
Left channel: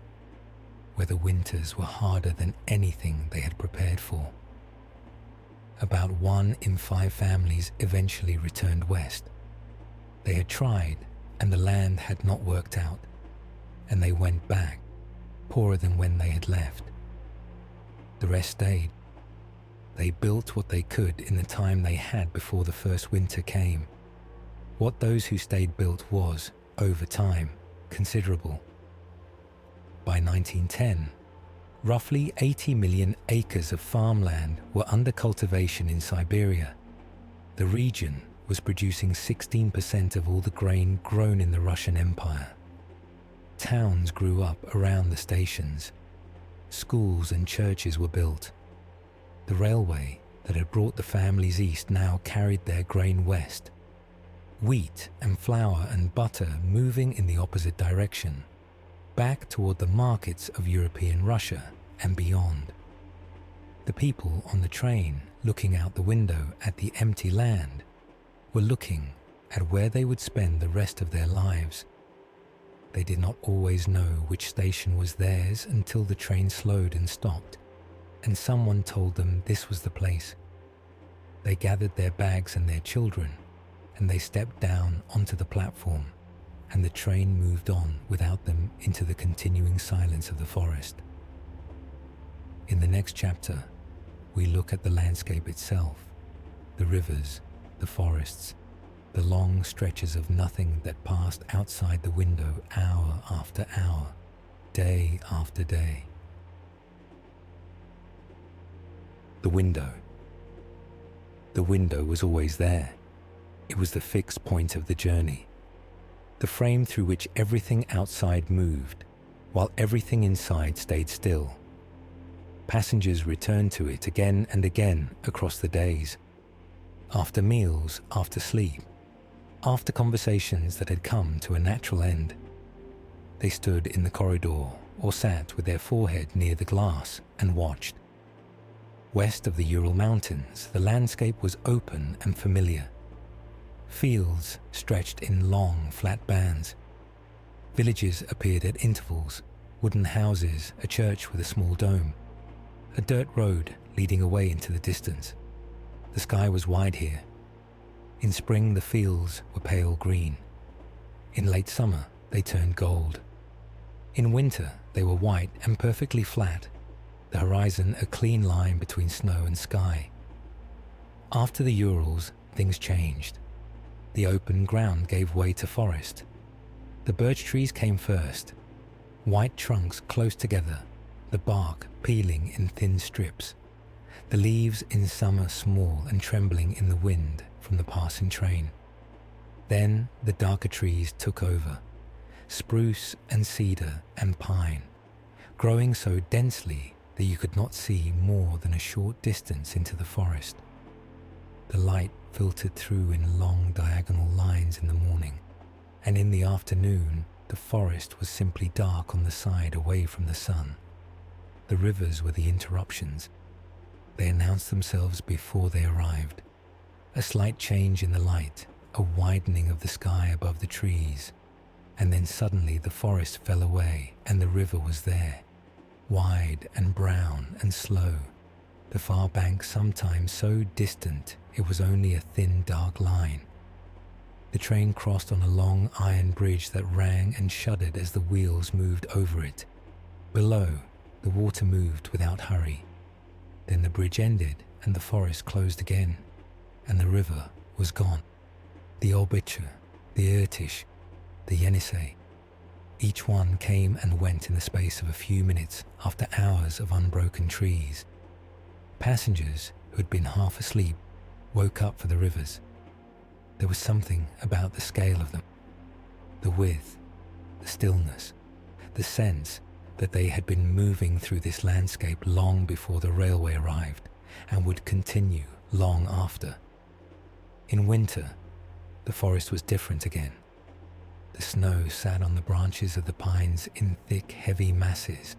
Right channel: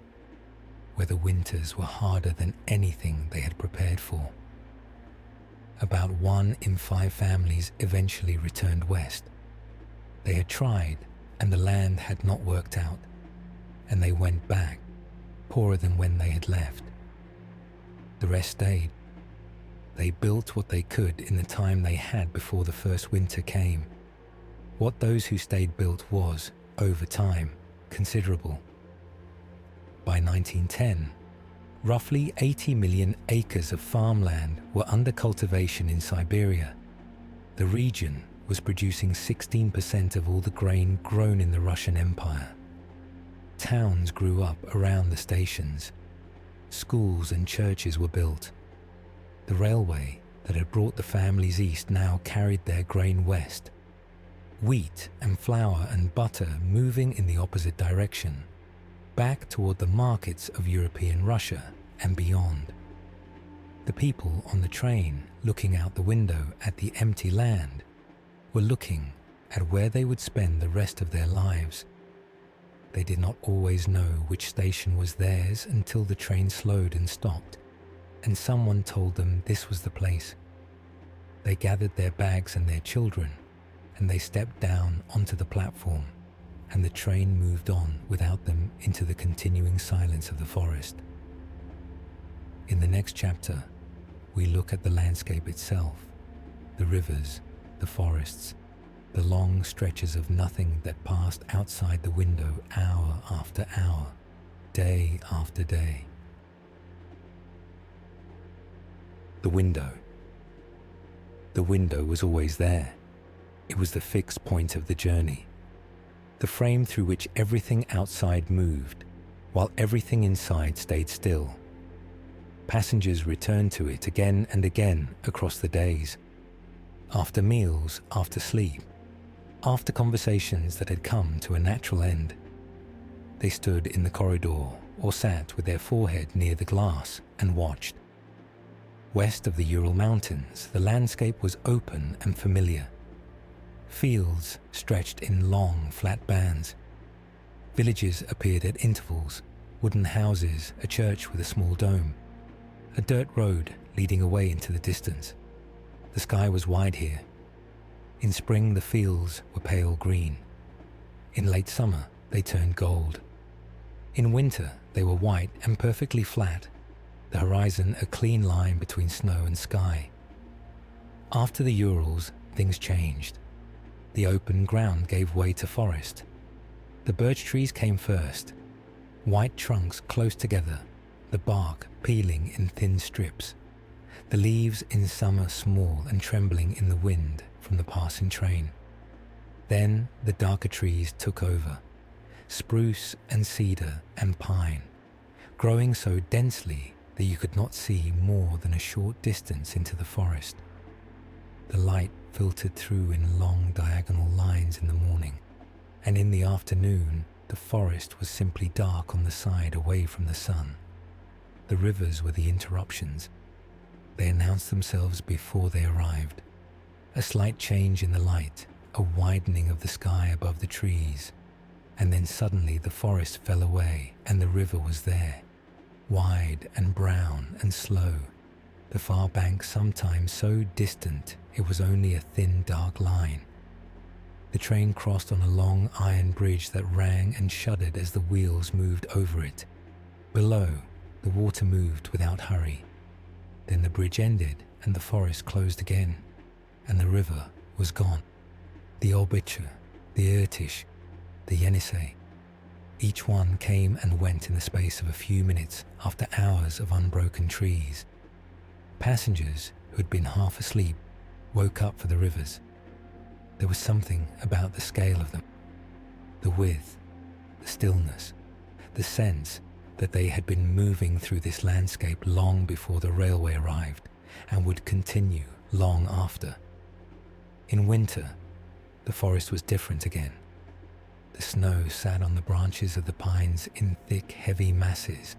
where the winters were harder than anything they had prepared for. About 1 in 5 families eventually returned west. They had tried, and the land had not worked out, and they went back, poorer than when they had left. The rest stayed. They built what they could in the time they had before the first winter came. What those who stayed built was, over time, considerable. By 1910, roughly 80 million acres of farmland were under cultivation in Siberia. The region was producing 16% of all the grain grown in the Russian Empire. Towns grew up around the stations. Schools and churches were built. The railway that had brought the families east now carried their grain west. Wheat and flour and butter moving in the opposite direction, back toward the markets of European Russia and beyond. The people on the train, looking out the window at the empty land, were looking at where they would spend the rest of their lives. They did not always know which station was theirs until the train slowed and stopped, and someone told them this was the place. They gathered their bags and their children, and they stepped down onto the platform, and the train moved on without them into the continuing silence of the forest. In the next chapter, we look at the landscape itself, the rivers, the forests, the long stretches of nothing that passed outside the window hour after hour, day after day. The window. The window was always there. It was the fixed point of the journey, the frame through which everything outside moved, while everything inside stayed still. Passengers returned to it again and again across the days. After meals, after sleep, after conversations that had come to a natural end. They stood in the corridor or sat with their forehead near the glass and watched. West of the Ural Mountains, the landscape was open and familiar. Fields stretched in long, flat bands. Villages appeared at intervals, wooden houses, a church with a small dome, a dirt road leading away into the distance. The sky was wide here. In spring, the fields were pale green. In late summer, they turned gold. In winter, they were white and perfectly flat, the horizon a clean line between snow and sky. After the Urals, things changed. The open ground gave way to forest. The birch trees came first, white trunks close together, the bark peeling in thin strips, the leaves in summer small and trembling in the wind from the passing train. Then the darker trees took over, spruce and cedar and pine, growing so densely that you could not see more than a short distance into the forest. The light filtered through in long diagonal lines in the morning, and in the afternoon the forest was simply dark on the side away from the sun. The rivers were the interruptions. They announced themselves before they arrived. A slight change in the light, a widening of the sky above the trees, and then suddenly the forest fell away and the river was there, wide and brown and slow, the far bank sometimes so distant it was only a thin dark line. The train crossed on a long iron bridge that rang and shuddered as the wheels moved over it. Below, the water moved without hurry. Then the bridge ended and the forest closed again, and the river was gone. The Olbiche, the Irtish, the Yenisei, each one came and went in the space of a few minutes after hours of unbroken trees. Passengers who had been half asleep woke up for the rivers. There was something about the scale of them, the width, the stillness, the sense that they had been moving through this landscape long before the railway arrived and would continue long after. In winter, the forest was different again. The snow sat on the branches of the pines in thick, heavy masses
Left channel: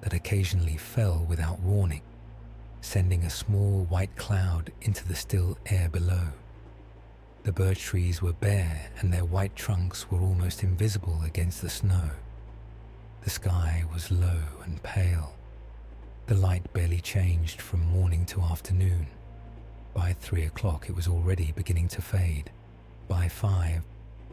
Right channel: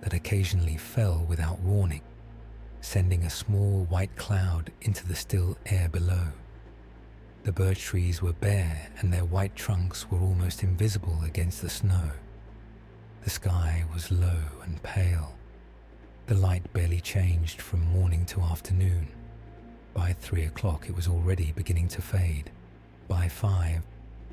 that occasionally fell without warning, sending a small white cloud into the still air below. The birch trees were bare and their white trunks were almost invisible against the snow. The sky was low and pale. The light barely changed from morning to afternoon. By 3 o'clock it was already beginning to fade. By 5,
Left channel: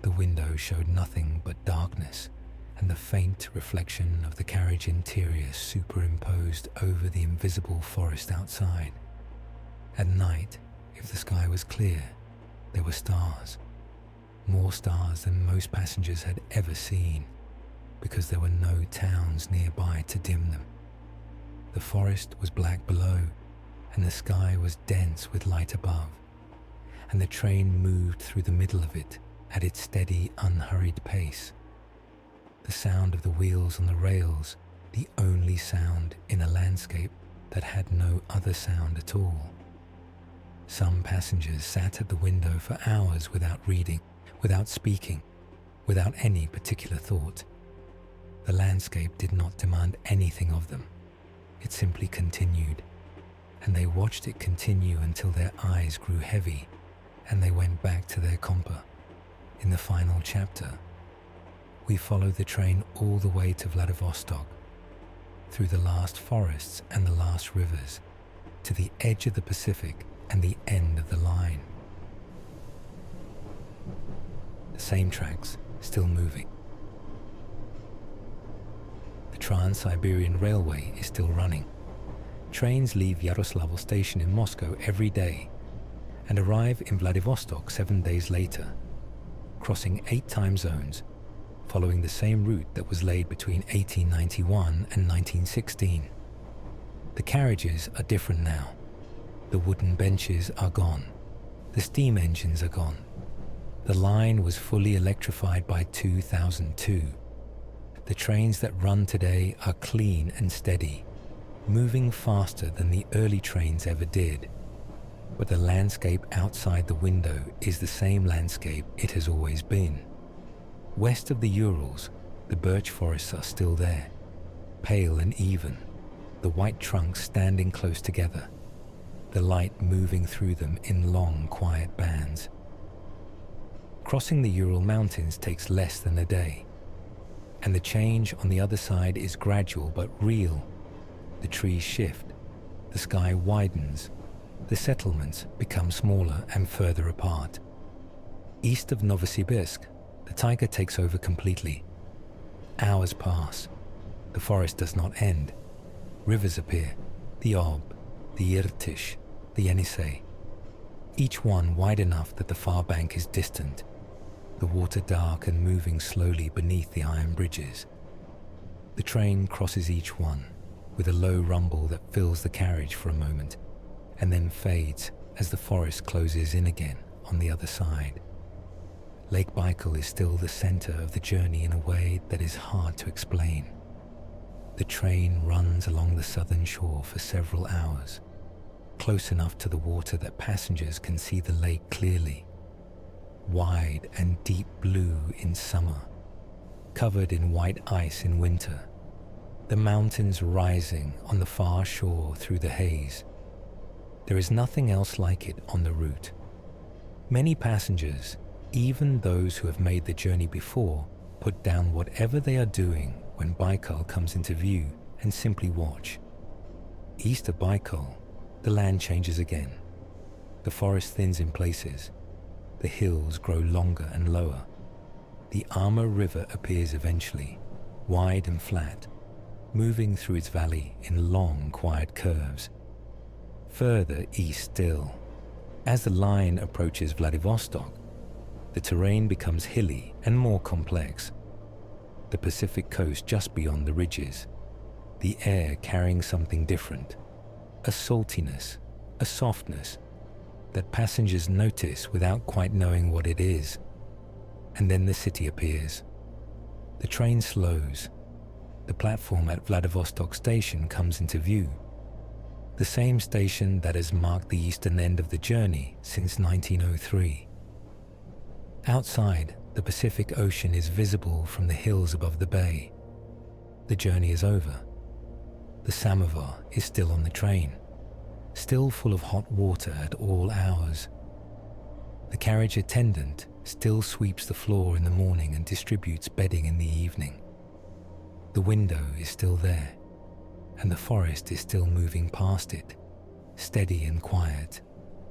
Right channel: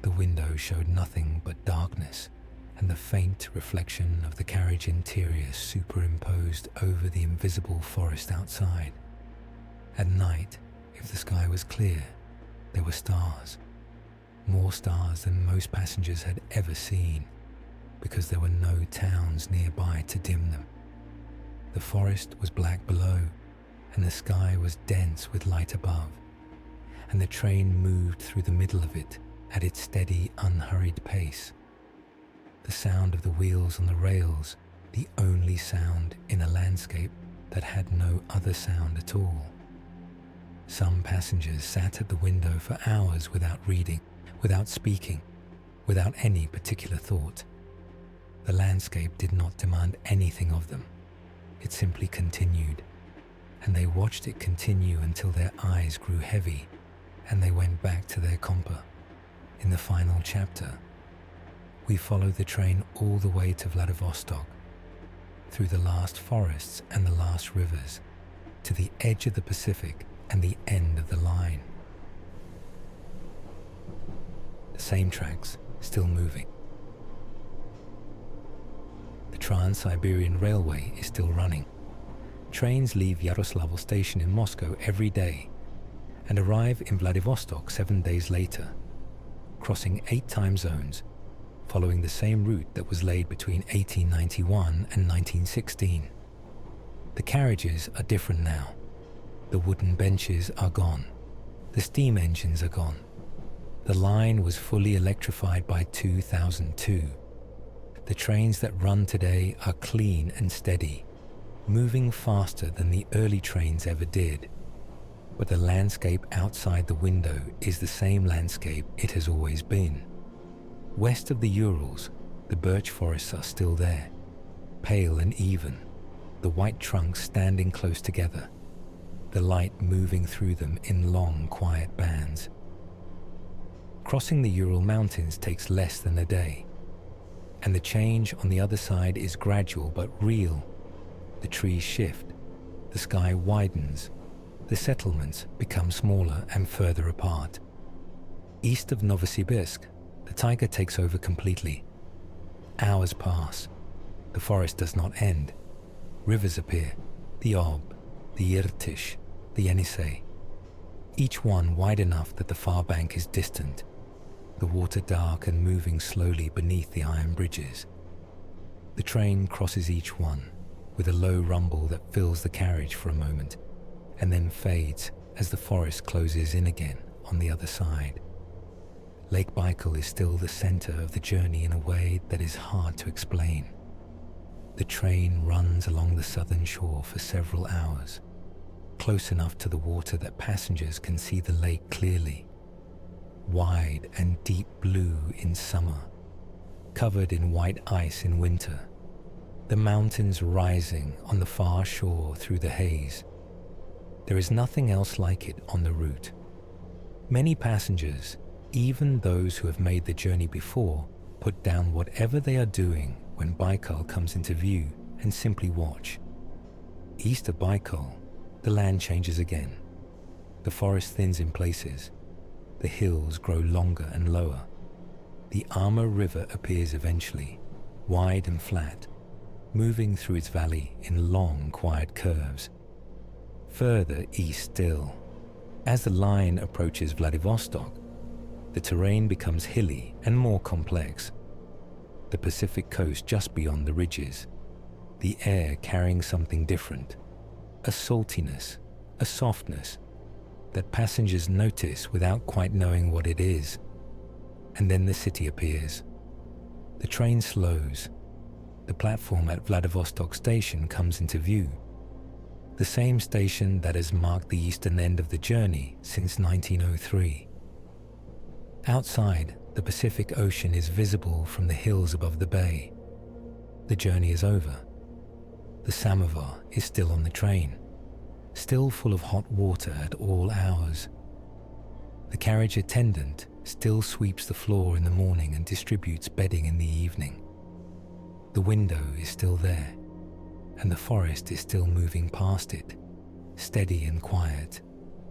the window showed nothing but darkness and the faint reflection of the carriage interior superimposed over the invisible forest outside. At night, if the sky was clear, there were stars, more stars than most passengers had ever seen, because there were no towns nearby to dim them. The forest was black below, and the sky was dense with light above, and the train moved through the middle of it at its steady, unhurried pace. The sound of the wheels on the rails, the only sound in a landscape that had no other sound at all. Some passengers sat at the window for hours without reading, without speaking, without any particular thought. The landscape did not demand anything of them. It simply continued, and they watched it continue until their eyes grew heavy and they went back to their compa. In the final chapter, we followed the train all the way to Vladivostok, through the last forests and the last rivers, to the edge of the Pacific and the end of the line. The same tracks, still moving. The Trans-Siberian Railway is still running. Trains leave Yaroslavl station in Moscow every day and arrive in Vladivostok 7 days later, crossing 8 time zones, following the same route that was laid between 1891 and 1916. The carriages are different now. The wooden benches are gone. The steam engines are gone. The line was fully electrified by 2002. The trains that run today are clean and steady, moving faster than the early trains ever did. But the landscape outside the window is the same landscape it has always been. West of the Urals, the birch forests are still there, pale and even, the white trunks standing close together, the light moving through them in long, quiet bands. Crossing the Ural Mountains takes less than a day, and the change on the other side is gradual but real. The trees shift, the sky widens, the settlements become smaller and further apart. East of Novosibirsk, the taiga takes over completely. Hours pass. The forest does not end. Rivers appear, the Ob, the Irtysh, the Yenisei, each one wide enough that the far bank is distant, the water dark and moving slowly beneath the iron bridges. The train crosses each one, with a low rumble that fills the carriage for a moment, and then fades as the forest closes in again on the other side. Lake Baikal is still the center of the journey in a way that is hard to explain. The train runs along the southern shore for several hours, close enough to the water that passengers can see the lake clearly, wide and deep blue in summer, covered in white ice in winter, the mountains rising on the far shore through the haze. There is nothing else like it on the route. Many passengers, even those who have made the journey before, put down whatever they are doing when Baikal comes into view and simply watch. East of Baikal, the land changes again. The forest thins in places. The hills grow longer and lower. The Amur River appears eventually, wide and flat, moving through its valley in long, quiet curves. Further east still, as the line approaches Vladivostok, the terrain becomes hilly and more complex. The Pacific coast just beyond the ridges, the air carrying something different, a saltiness, a softness that passengers notice without quite knowing what it is. And then the city appears. The train slows. The platform at Vladivostok station comes into view, the same station that has marked the eastern end of the journey since 1903. Outside, the Pacific Ocean is visible from the hills above the bay. The journey is over. The samovar is still on the train, still full of hot water at all hours. The carriage attendant still sweeps the floor in the morning and distributes bedding in the evening. The window is still there, and the forest is still moving past it, steady and quiet,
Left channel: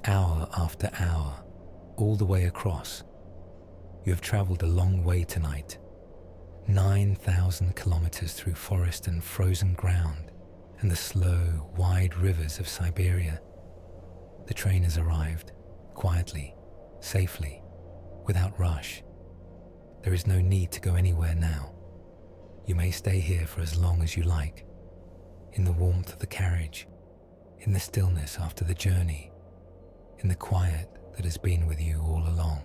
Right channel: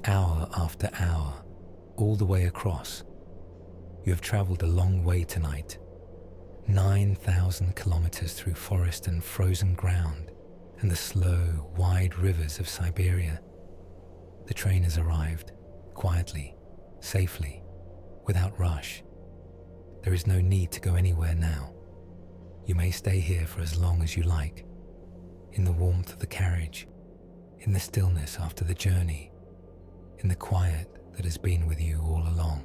hour after hour, all the way across. You have traveled a long way tonight, 9,000 kilometers through forest and frozen ground, and the slow, wide rivers of Siberia. The train has arrived, quietly, safely, without rush. There is no need to go anywhere now. You may stay here for as long as you like, in the warmth of the carriage, in the stillness after the journey, in the quiet that has been with you all along.